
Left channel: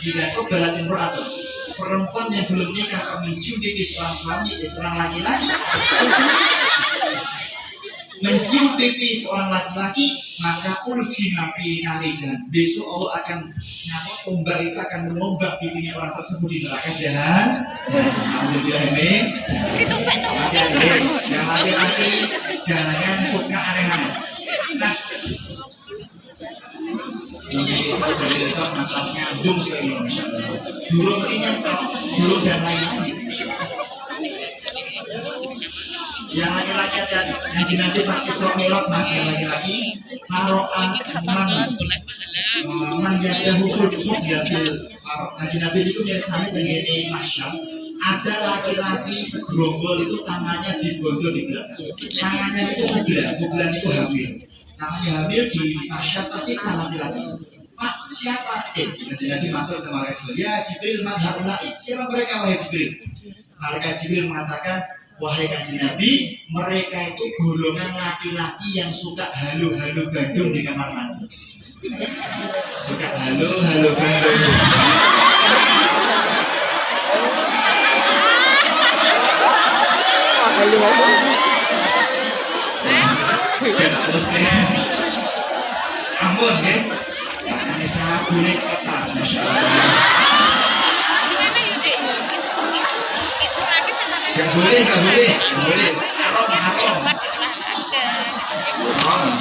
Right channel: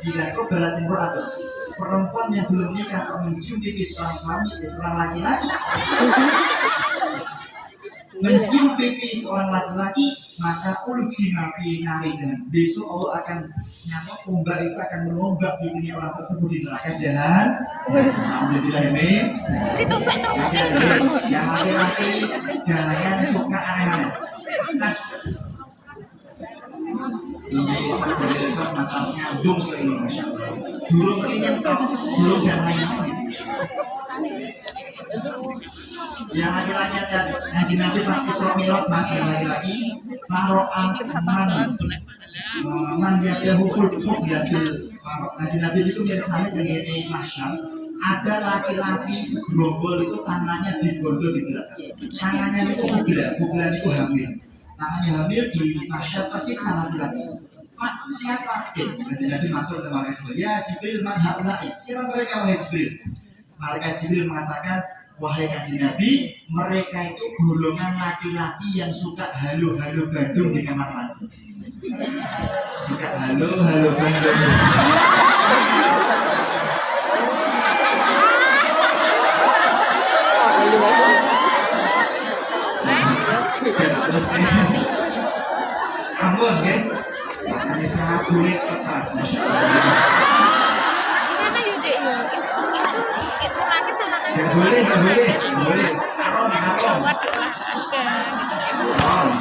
tidak itu berat imro'atun. Perempuan yang belum nikah mencium pipi seorang suami, seorang laki-laki, mencium pipi seorang laki-laki, maka urjina fi narijan. Besok Allah akan ombak itu akan merombak pipinya orang tersebut di neraka jahanam. Alhamdulillah amin. Yang laki-laki jangan suka aneh-aneh. Ini masalah ngandung sih ini, burung ini burung dan lain-lain. Yang laki-laki tadi, Nabi pas Isra Mi'raj masih laki-laki, taro'an man yadahu ful yadil. Nabi itu biasanya begini masyam, ada laki-laki segerombol itu tangannya digondol di belakang. Tangannya itu bulan itu hamil. Tangannya hamil di masyam pasti sama laki-laki. Pak, siapa? Nanti Nabi masuk ke malaikat Jibril. Ya Jibril, man haulai. Siapa mereka wahai Jibril? Malaikat Jibril mengatakan, wahai kanjeng Nabi, mereka itu golongan laki-laki yang suka halo-halo gandum di kamar mandi. Suka halo-halo gandum. Terus Ambon kan? Ini sangat kulit kertas, masya Allah. Gak boleh, gak boleh, gak boleh. Haram.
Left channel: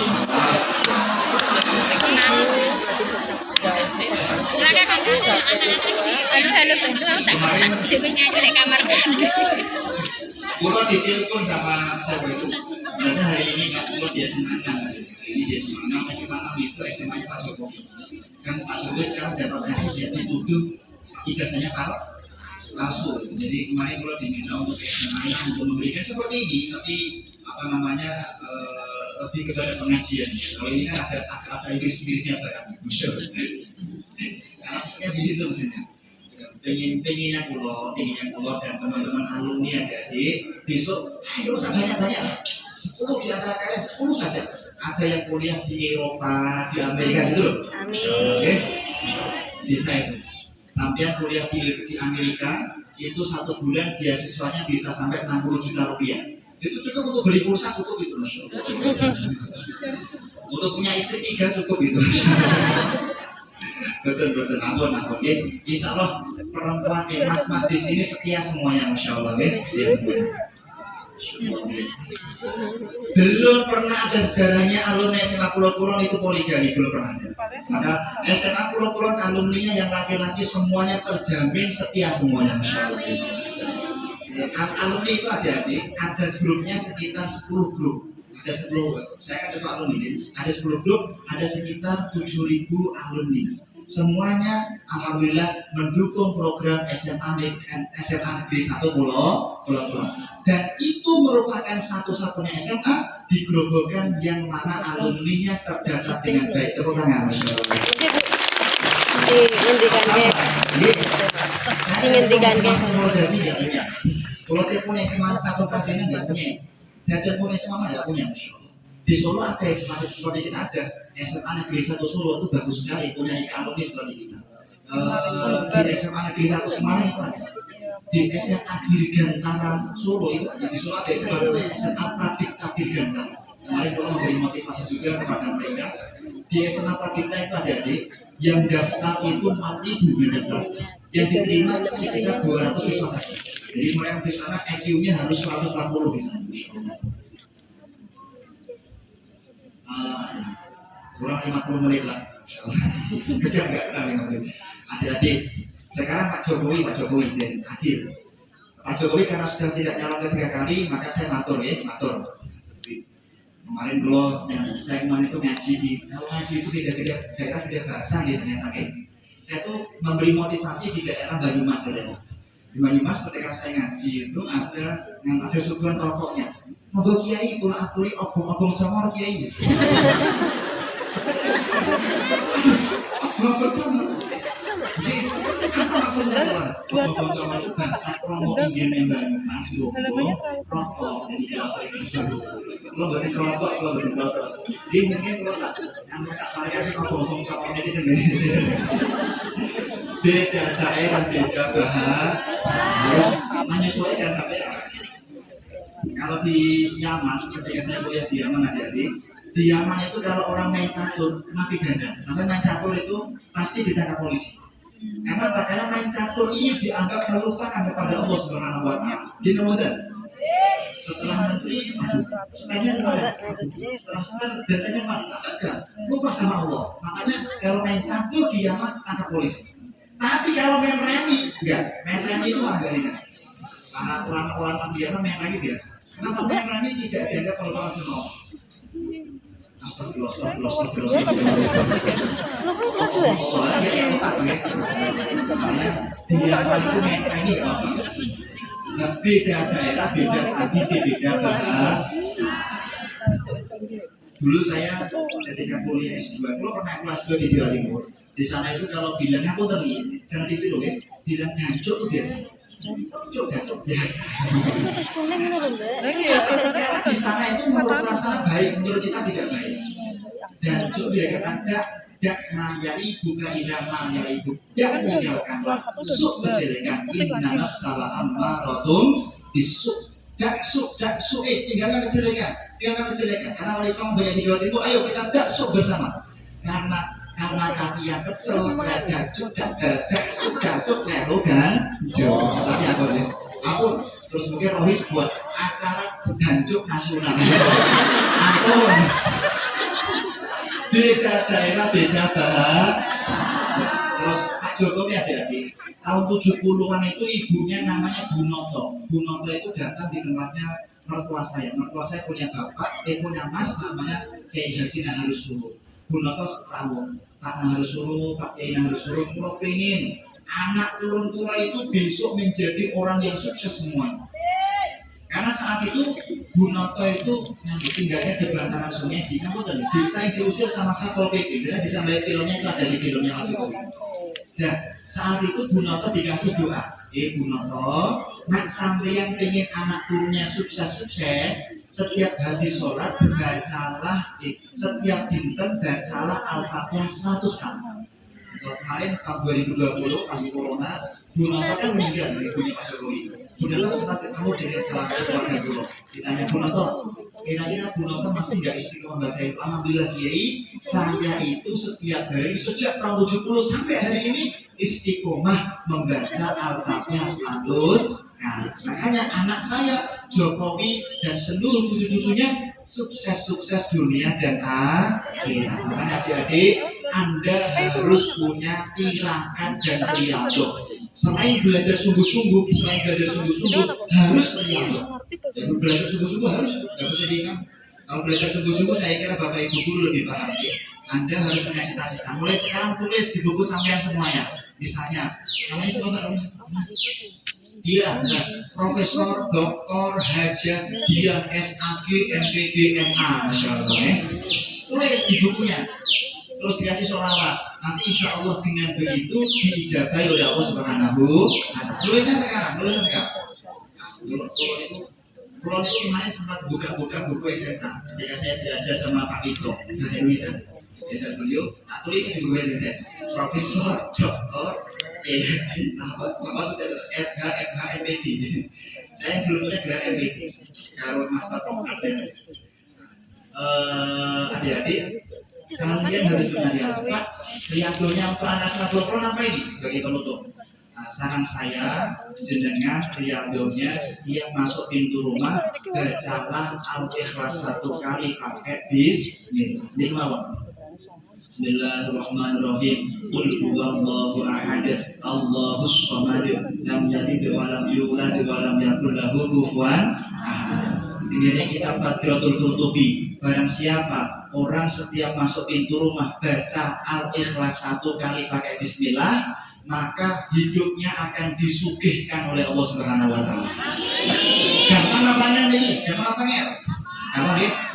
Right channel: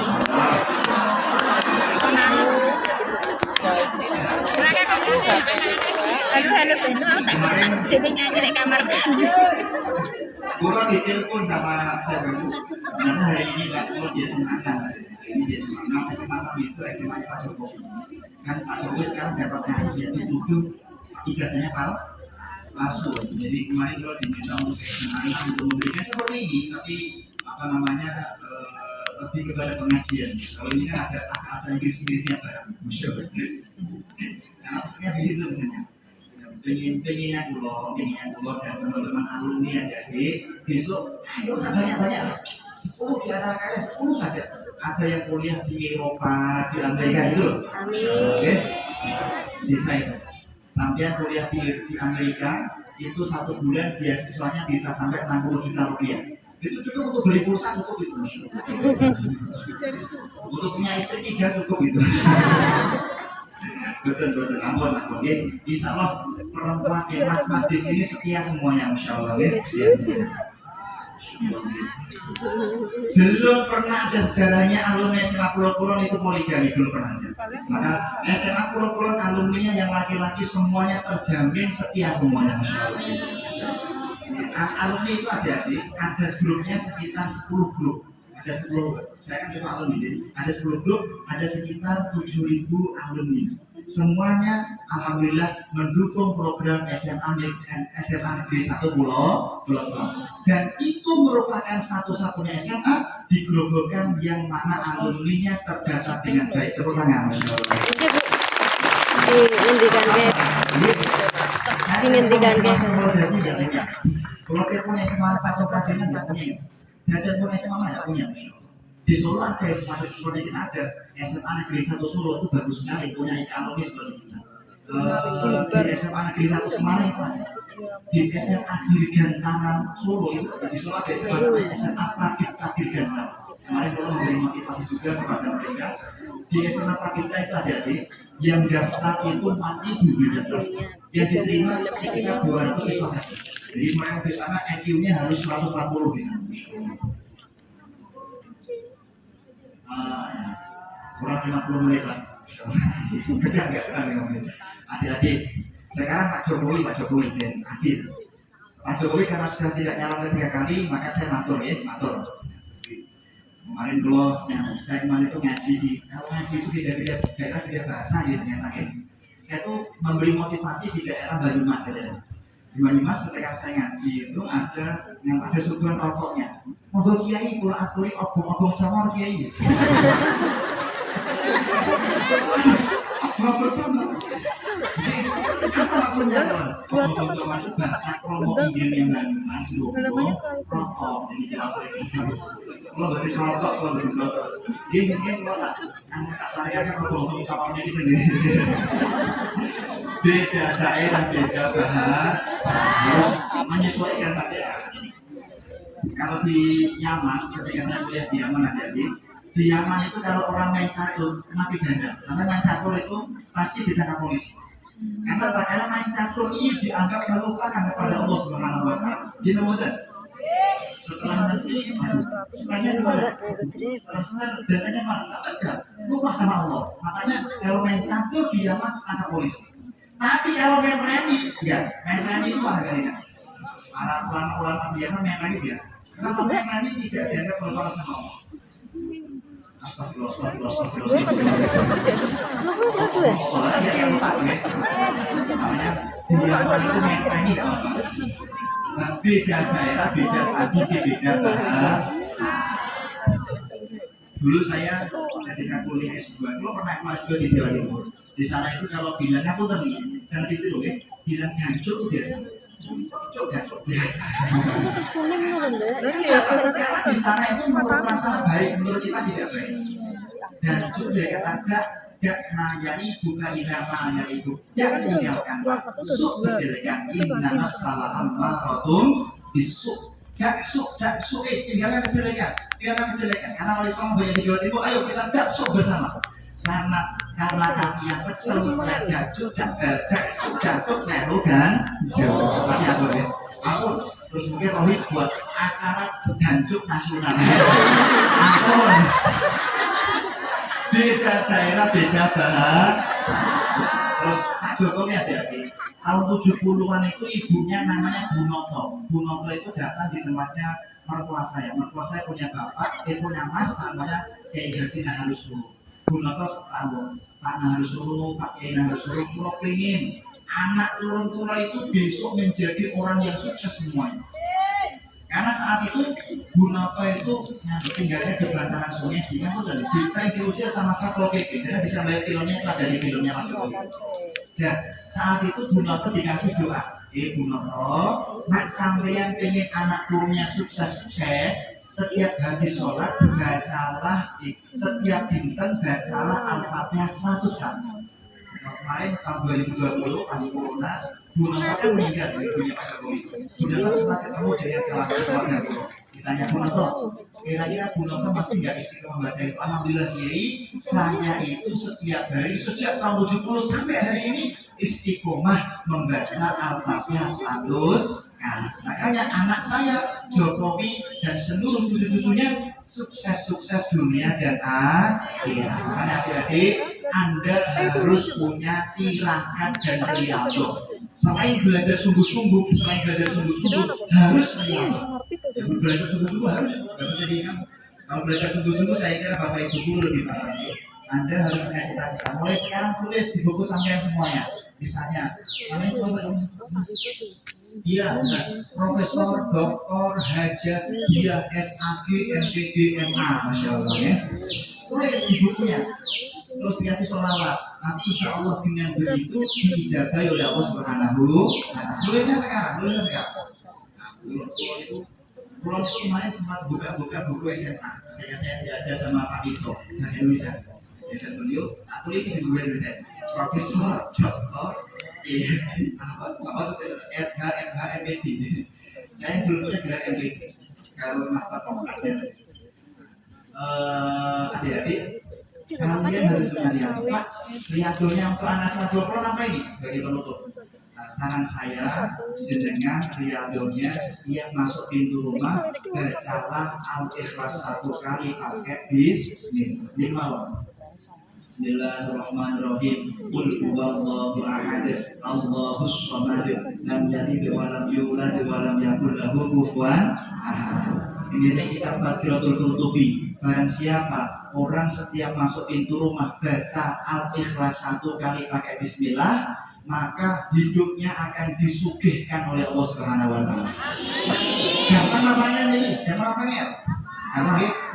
Kemarin Kulo ditelepon sama saya itu, karena hari ini Pak Kulo di SMA 6, ini di SMA 6, SMA 6 itu SMA Pak Jokowi. Kan Pak Jokowi sekarang dapat kasus ya dituduh ijazahnya palsu. Jadi kemarin Kulo diminta untuk SMA 6 untuk memberikan seperti ini, tapi apa namanya lebih kepada pengajian. Kalau ini kan ada Inggrisnya Pak, musuh. Karena pesannya di situ sebenarnya. Pengennya pulau dan teman-teman alumni yang jadi besok ayo banyak 10 di antara kalian 10 saja ada yang kuliah di Eropa di Amerika itu loh. Oke, bisa itu sampai kuliah di Amerika itu 1 bulan beasiswanya bisa sampai 60 juta rupiah. Itu cukup untuk beli pulsa, cukup itu untuk punya istri 3 cukup itu. Betul, ampun ya. Insya Allah perempuan mas di sini setia semuanya, masya Allah ya. Belum pernah ada sejarahnya alumni SMA Pulau Kulon itu poligami, belum pernah ada. Maka SMA Pulau Kulon alumninya yang laki-laki semuanya terjamin setia semuanya, masya Allah. Alumni itu ada grupnya sekitar 10 grup. Ada 10, saya kan cuma alumni, ada 10 grup, ada sekitar 7.000 alumni. Semuanya alhamdulillah mendukung program SMA Negeri 1 Pulau Kulon. Dan itu merupakan satu-satunya SMA di Grobogan yang mana alumninya terdaftar dengan baik. Tepuk tangan, masya Allah. Kalau dia punya SMA 1 Prajenan nggak punya, saya punya SMA nggak punya. Di Solo ada seperti kita ada SMA Negeri 1 Solo itu bagus sekali, punya alumni seperti kita. Di SMA Negeri 1 Semarang itu ada, di SMA Dirgantara Solo itu ada, di Solo ada SMA Pradipta Dirgantara. Kemarin kalau memberi motivasi juga kepada mereka, di SMA Pradipta itu ada yang daftar itu 4.000 daftar, yang diterima sekitar 200 siswa. Jadi mereka di sana IQ-nya harus 140 di sana. Kurang 50 menit lah. Enggak 5 menit. Adik-adik, sekarang Pak Jokowi dan adil. Pak Jokowi karena sudah tidak nyalon ketiga kali, maka saya matur. Kemarin dulu yang saya kemarin itu ngaji kalau ngaji itu tidak daerah bahasa di ternyata saya tuh memberi motivasi di daerah Banyumas saja. Di Banyumas ketika saya ngaji itu ada suguhan rokoknya. Moga kiai pulang aturi obong-obong congor kiai. Obong congor. Jadi apa maksudnya obong congor itu bahasa promo ingin yang Banyumas rokok. Jadi kalau berarti rokok, Jadi mungkin kalau tak tarikannya obong congor ini sendiri. Beda daerah, beda bahasa, menyesuaikan daerah. Kalau di Yaman, ketika saya kuliah di Yaman di Yaman itu kalau orang main catur, kena pidana. Sampai main catur itu pasti ditangkap polisi. Karena main catur ini dianggap melupakan kepada Allah Subhanahu Wa Taala. Di Ramadan. Setelah menteri, datanya enggak, lupa sama Allah. Makanya kalau main catur di Yaman tangkap polisi. Tapi kalau main remi, enggak. Main remi itu agak ringan. Para ulama-ulama di Yaman main remi biasa. Kenapa main remi tidak dianggap melupakan sama Allah? Astagfirullah. Di Yaman itu main remi enggak apa-apa. Nah, beda daerah, beda tradisi, beda bahasa. Dulu saya ketika kuliah S2, dulu pernah kelas 2 di Jawa Timur. Di sana itu kalau bilangnya aku tadi, jangan ditiru ya. Bilang jancuk itu biasa. Jancuk biasa. Karena di sana itu menurut perasaan baik, menurut kita tidak baik. Jancuk dikatakan dak mayari buka ila mayari bu. Dak tinggalkanlah suk kejelekan. Inna salah ammaratun bisuk. Dak suk tinggalkan kejelekan. Karena oleh Islam banyak di Jawa Timur, ayo kita dak suk bersama. Karena kami yang betul, dak suk lalu dan jauh. Tapi aku ya, ampun. Terus mungkin Rohis buat acara jancuk nasional. Ampun. Beda daerah, beda bahasa. Terus Pak Jokowi adik-adik, tahun 70-an itu ibunya namanya Bu Noto. Bu Noto itu datang di tempatnya mertua saya. Mertua saya punya bapak, punya mas namanya Kiai Haji Naharus Sulu. Bu Noto setahun, Pak Naharus Sulu, Pak Kiai Naharus Sulu, kalau pengen anak turun tua itu besok menjadi orang yang sukses semuanya. Karena saat itu Bu Noto itu tinggalnya di belataran sungai di Kabupaten desa yang diusir sama Satpol PP. Kita bisa melihat filmnya itu ada di filmnya Mas Jokowi. Dan saat itu Bu Noto dikasih doa, Bu Noto, nak sampeyan pengen anak turunnya sukses-sukses, setiap habis sholat bacalah, setiap dinten bacalah Al-Fatihah 100 kali. Kemarin tahun 2020 pas corona, Bu Noto kan meninggal dari ibunya Pak Jokowi. Bu Noto sempat ketemu dengan salah satu keluarga dulu. Ditanya Bu Noto, kira-kira Bu Noto masih nggak istiqomah membaca itu? Alhamdulillah Kiai, saya itu setiap hari sejak tahun 70 sampai hari ini istiqomah membaca Al-Fatihah 100 kali. Makanya anak saya Jokowi dan seluruh cucu-cucunya sukses dunia dan akhirat. Makanya adik-adik, Anda harus punya tirakat dan riyadhah. Selain belajar sungguh-sungguh, harus riyadhah. Ya, belajar sungguh-sungguh harus, nggak bisa diingat. Kalau belajar sungguh-sungguh, saya kira Bapak Ibu guru lebih paham. Anda harus punya cita-cita. Mulai sekarang tulis di buku sampean semuanya. Misalnya, namanya sebentar. Dia Profesor Dr. Hajat Dia SAG MPD MA, Masya Allah ya. Tulis di bukunya, terus dikasih sholawat. Nanti insya Allah dengan begitu dijaga oleh Allah Subhanahu wa Ta'ala. Tulisnya sekarang. Pulau itu kemarin sempat buka buku SMA. Ketika saya belajar sama Pak Ito, bahasa Indonesia. Diajak beliau, tulis di buku Indonesia. Profesor Dr. SH MH MPD. Saya dulu punya gelar MPD, baru master program. Adik-adik, kalian harus punya riyadhah. Pak, riyadhahnya untuk anak 120 apa ini? Sebagai penutup. Saran saya, jenengan riyadhahnya setiap masuk pintu rumah bacalah Al-Ikhlas 1 kali pakai bismillah. Bismillahirrahmanirrahim. Qul huwallahu ahad, Allahus samad, lam yalid wa lam yulad wa lam yakul lahu kufuwan ahad. Ini kita Badrotul Kutubi. Barang siapa orang setiap masuk pintu rumah baca Al-Ikhlas 1 kali pakai bismillah, maka hidupnya akan disugihkan oleh Allah Subhanahu wa Ta'ala. Gampang apa nih? Gampang apa ya?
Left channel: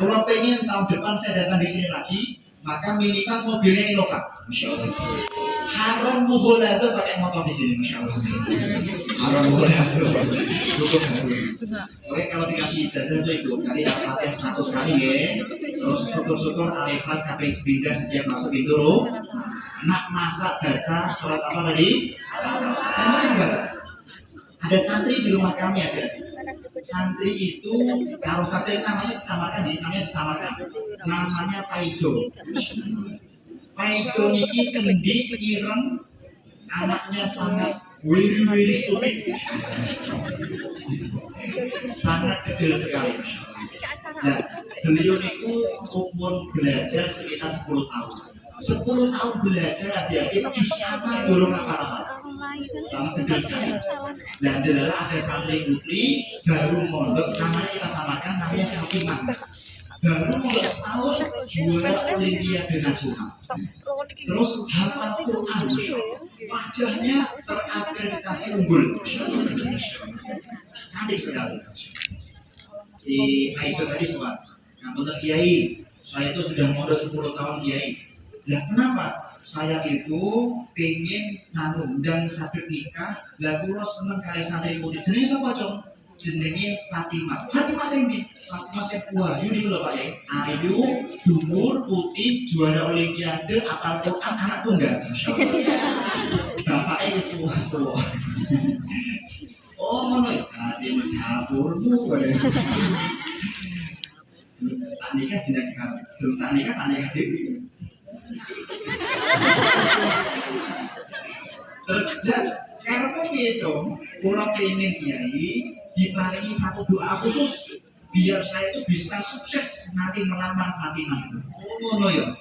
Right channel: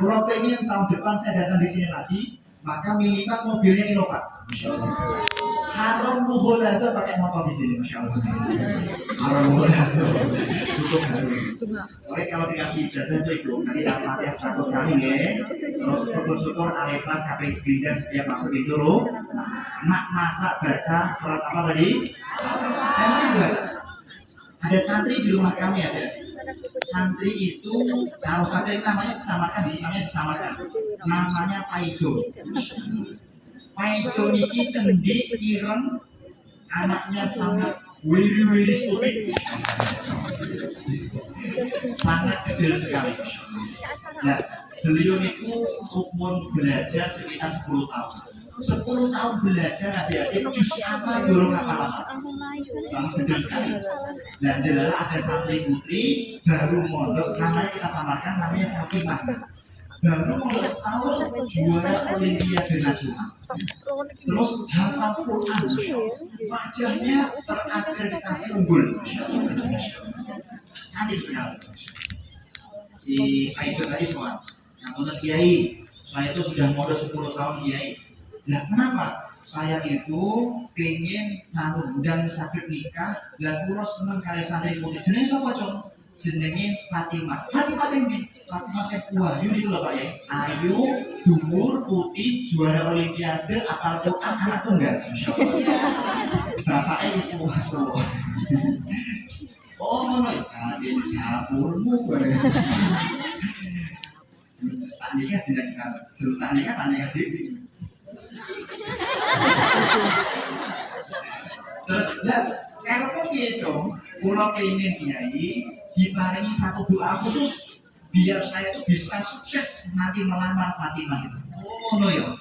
Kalau pengen tahun depan saya datang di sini lagi, maka minimal mobilnya Innova, Masya Allah. Haram muholado pakai motor di sini, Masya Allah. Haram muholado, cukup harum. Oke, kalau dikasih ijazah tuh Ibu, kali Al-Fatihah 100 kali ya. Terus syukur-syukur Al-Ikhlas sampai sepindah setiap masuk pintu rumah. Nak masak baca surat apa tadi? Namanya juga ada santri di rumah kami ada. Santri itu harus saja namanya disamarkan, namanya Paido. Paido niki kendi ireng, anaknya sangat wiri stupid, sangat kecil sekali. Nah, beliau itu umur belajar sekitar 10 tahun. 10 tahun belajar adik-adik apa dorong apa-apa. Sangat kecil sekali. Dan adalah ada santri putri baru mondok, namanya kita samakan, namanya Fatimah. Baru mondok setahun juara Olimpiade Nasional. Terus hafal Quran, wajahnya terakreditasi unggul. Cantik sekali. Si Aisyah tadi soal, nah, Kiai, saya itu sudah mondok 10 tahun Kiai. Nah, kenapa? saya itu pengen dan sabit nikah, lah kula seneng kali santri putih. Jenenge sapa, Cung? Jenenge Fatimah. Fatimah sing ndi? Fatimah sing Wahyu niku lho Pak ya. Ayu, dhuwur, putih, juara olimpiade, apal Quran, anak tunggal. Masyaallah. Bapake wis tuwa. Oh, ngono ya. Ati dapurmu kowe. Tak nikah tidak kamu. Terus tak nikah dewi. Terus karena piye, Cung? Kula kenging kiai diparingi satu doa khusus biar saya itu bisa sukses nanti melamar Fatimah itu. Oh, ngono ya.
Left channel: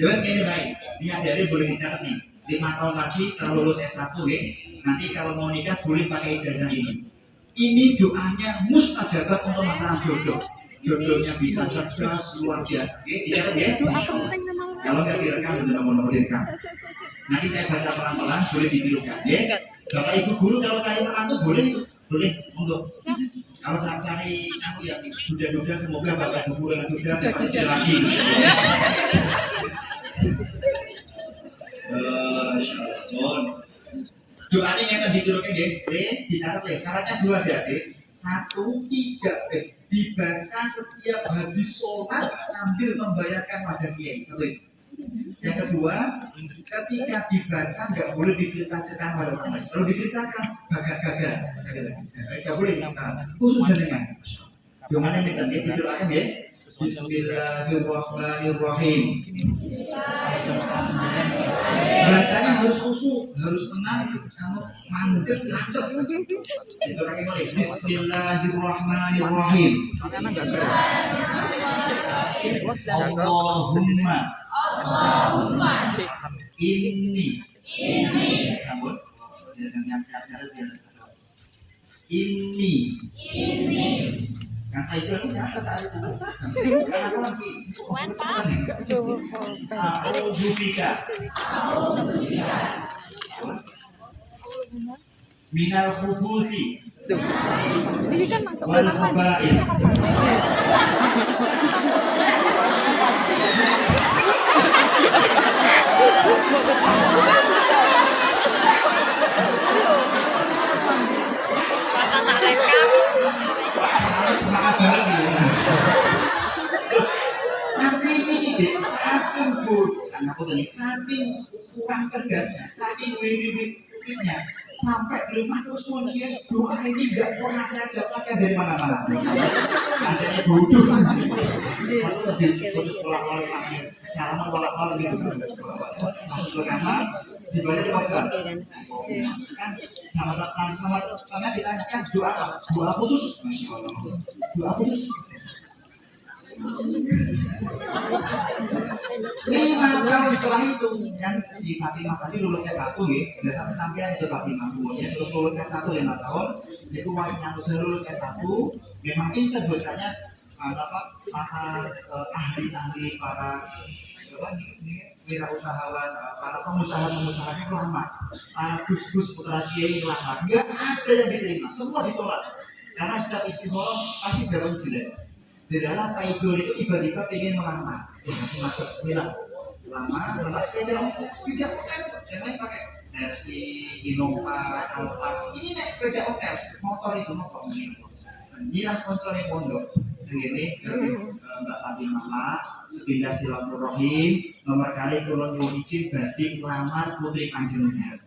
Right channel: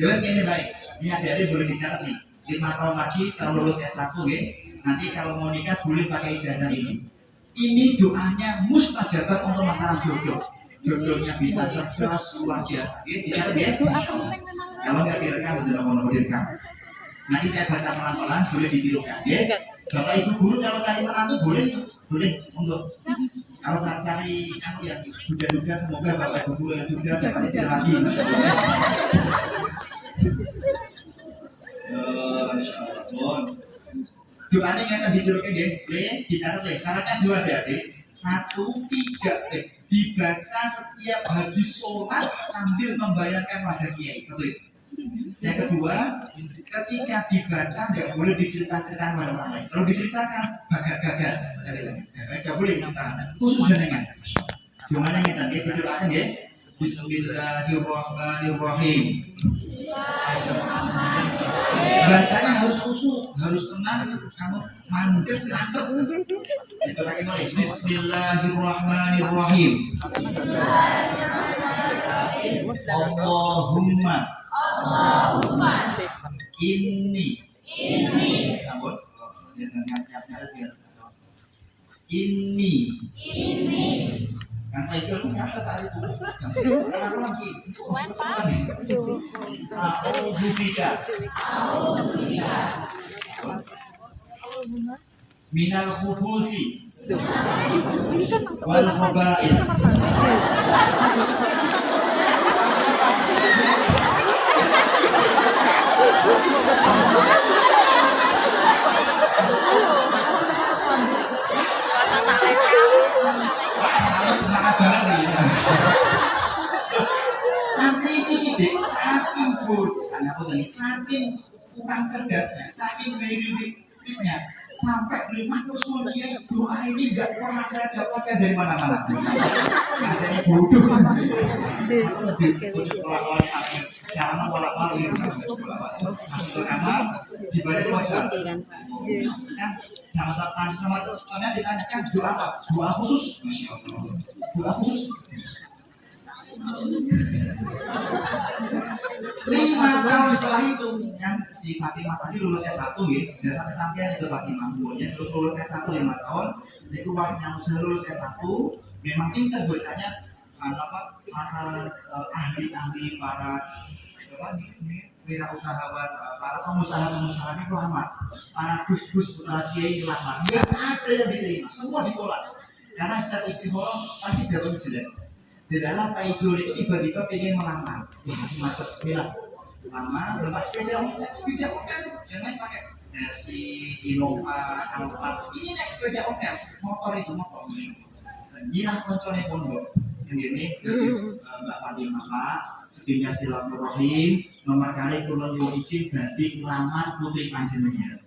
Ya wis kene baik. Ini adik-adik boleh dicatat nih. 5 tahun lagi setelah lulus S1 ya. Nanti kalau mau nikah boleh pakai ijazah ini. Ini doanya mustajabah untuk masalah jodoh. Jodohnya bisa cerdas luar biasa. Oke, dicatat ya. Kalau nggak direkam, tidak mau direkam. Nanti saya baca pelan-pelan, boleh ditirukan. Ya. Bapak Ibu guru kalau cari menantu boleh untuk kalau nggak cari kamu ya duda-duda, semoga Bapak Ibu guru yang duda dapat istri lagi. Doanya yang ditirukan ya, dicatat ya. Syaratnya 2 ya, 1, 3, dibaca setiap habis sholat sambil membayangkan wajah kiai. Satu. Yang kedua, ketika dibaca nggak boleh diceritakan pada orang lain. Kalau diceritakan gagal. Nggak boleh khusus dengan. Gimana nih tadi diceritakan ya? Bismillahirrahmanirrahim. Bacanya harus khusyuk, harus tenang, kamu mantep. Diceritakan oleh Bismillahirrahmanirrahim. Allahumma ini kamu ini yang itu kata tadi itu aku lagi Auzubika minal khubusi wal khaba'ith. Semangat banget nih. Santri ini saking kurang cerdasnya, saking wiriwitnya, sampai rumah terus dia doa ini nggak pernah saya dapatkan dari mana-mana. Ajarnya bodoh. Salaman walak-walak gitu. Masuk ke kamar, dibaca di wajah. Kan sama ditanyakan doa apa? Doa khusus. Masya Allah. Doa khusus. 5 tahun setelah itu yang si Fatimah tadi lulus S1 ya, udah sampai-sampean itu Fatimah umurnya terus lulus S1 5 tahun. Itu waktu yang sudah lulus S1 memang pintar bacanya para ahli-ahli, para wirausahawan, para pengusaha-pengusahanya kelamar, para gus-gus putra kiai kelamar, nggak ada yang diterima, semua ditolak karena setiap istikharah pasti jatuh jelek. Di dalam Taijul itu tiba-tiba pengen melamar, masuk bismillah, lama, lepas sepeda motor, yang lain pakai Mercy, Innova, Alfa, ini naik sepeda motor itu motor ini, nyilah koncolnya pondok, ini Mbak Fatimah Pak, sepindah silaturahim, nomor kali kulon yo izin badhe ngelamar putri panjenengan.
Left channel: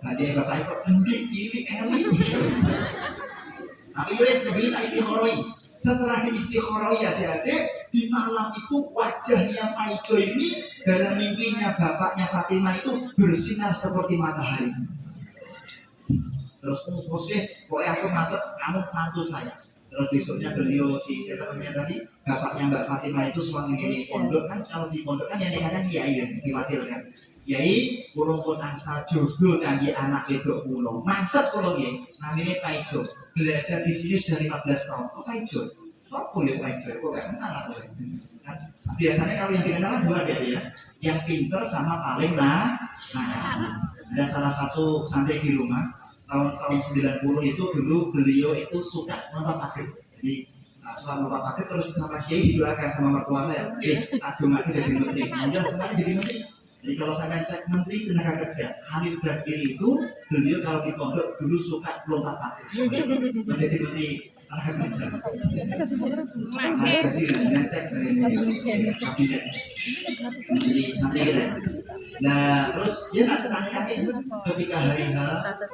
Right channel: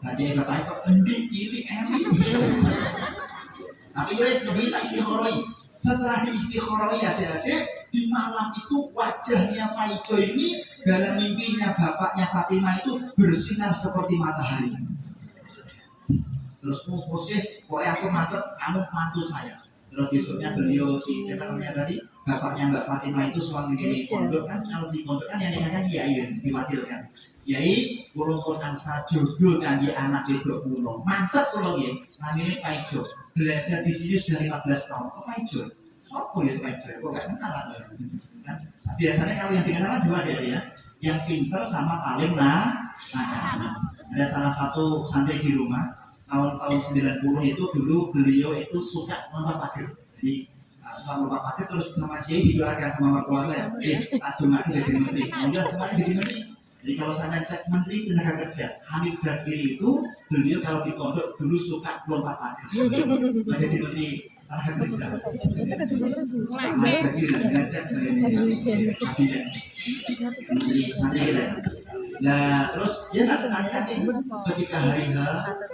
Tadi bapak kok endik cilik elit. Tapi yo wis minta istikharah. Setelah diistikharah adik-adik, di malam itu wajahnya Pak Ijo ini dalam mimpinya bapaknya Fatimah itu bersinar seperti matahari. Terus proses, pokoknya aku mantu saya. Terus besoknya beliau siapa namanya tadi, bapaknya Mbak Fatimah itu sewaktu di pondok kan, kalau di pondok kan yang nikahkan kiai ya, diwakilkan. Kiai kula pun angsa jodoh kangge anak wedok kula. Mantep kula nggih. Namine Pak Ijo. Belajar di sini sudah 15 tahun. Kok Pak Ijo? Sopo ya Pak Ijo? Kok gak kenal aku. Kan biasanya kalau yang dikenal dua ya. Yang pinter sama paling ada salah satu santri di rumah tahun 90 itu dulu beliau itu suka nonton takbir. Jadi selama Bapak Pakir terus sama Kiai didoakan sama mertua saya. Adung lagi jadi menteri. Nah, kemarin jadi menteri. Jadi kalau saya cek Menteri Tenaga Kerja Hanif Bakiri itu, beliau kalau di pondok dulu suka lompat pagar menjadi Menteri Tenaga Kerja. Hanif Bakiri dan cek kabinet Menteri Santri. Nah terus dia nanti tanya-tanya ketika hari H,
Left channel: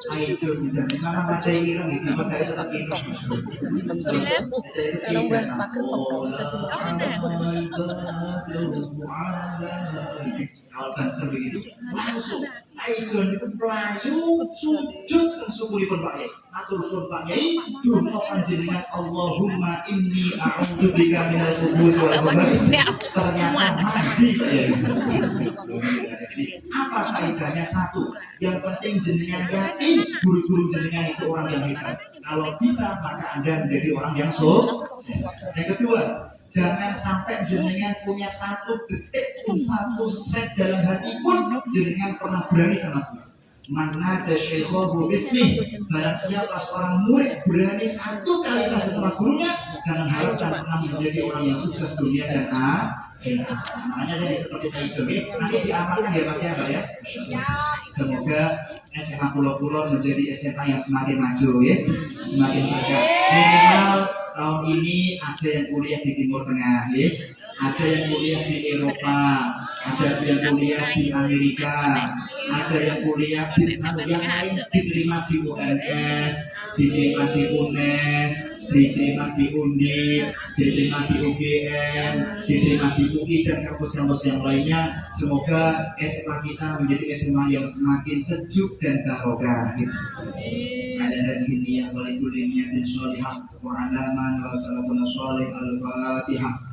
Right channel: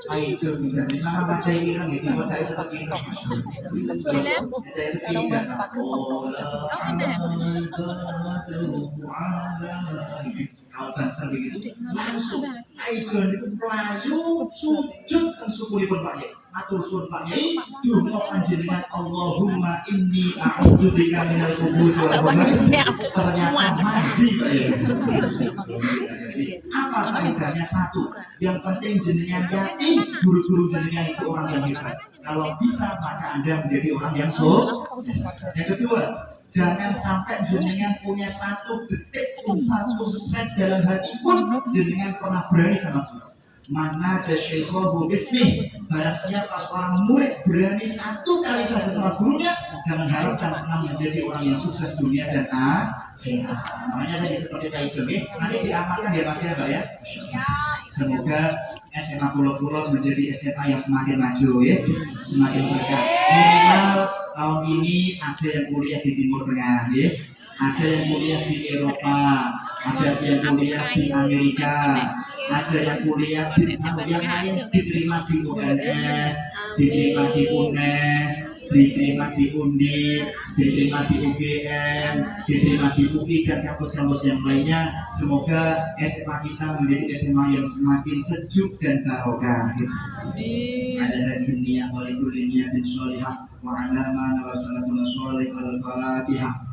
ayo kita mana baca ini kan gitu, maka itu tetap ini. Terus itu tidak kalau bangsa begitu langsung ayo itu melayu sujud tersebut Pak Yai. Atur sun Pak Yai, donga panjenengan Allahumma inni a'udzubika minal khubuthi wal khaba'is. Ternyata mandi ya. Apa faedahnya? Satu, yang penting jenengan yakin guru-guru jenengan itu orang yang hebat. Kalau bisa maka Anda menjadi orang yang sukses. Yang kedua, jangan sampai jenengan punya satu detik pun, satu set dalam hati pun jenengan pernah berani sama Tuhan. Mana ada syekhohu bismi, barang siapa seorang murid berani satu kali saja sama gurunya, jangan harapkan pernah menjadi orang yang sukses dunia dan akhirat. Makanya tadi seperti Pak Ijo, nanti diamalkan ya Mas ya Pak ya. Semoga SMA Pulau-Pulau menjadi SMA yang semakin maju ya, semakin berkah. Minimal tahun ini ada yang kuliah di Timur Tengah ya, ada yang kuliah di Eropa, ada yang kuliah di Amerika, ada yang kuliah di yang lain diterima di UNS, diterima di UNES, diterima di UNDI, diterima di UGM, diterima di UI dan kampus-kampus yang lainnya. Semoga SMA kita menjadi SMA yang semakin sejuk dan barokah. Ada dari dunia, wali dunia dan sholihah, wa alaman wa salatun sholih al-fatihah.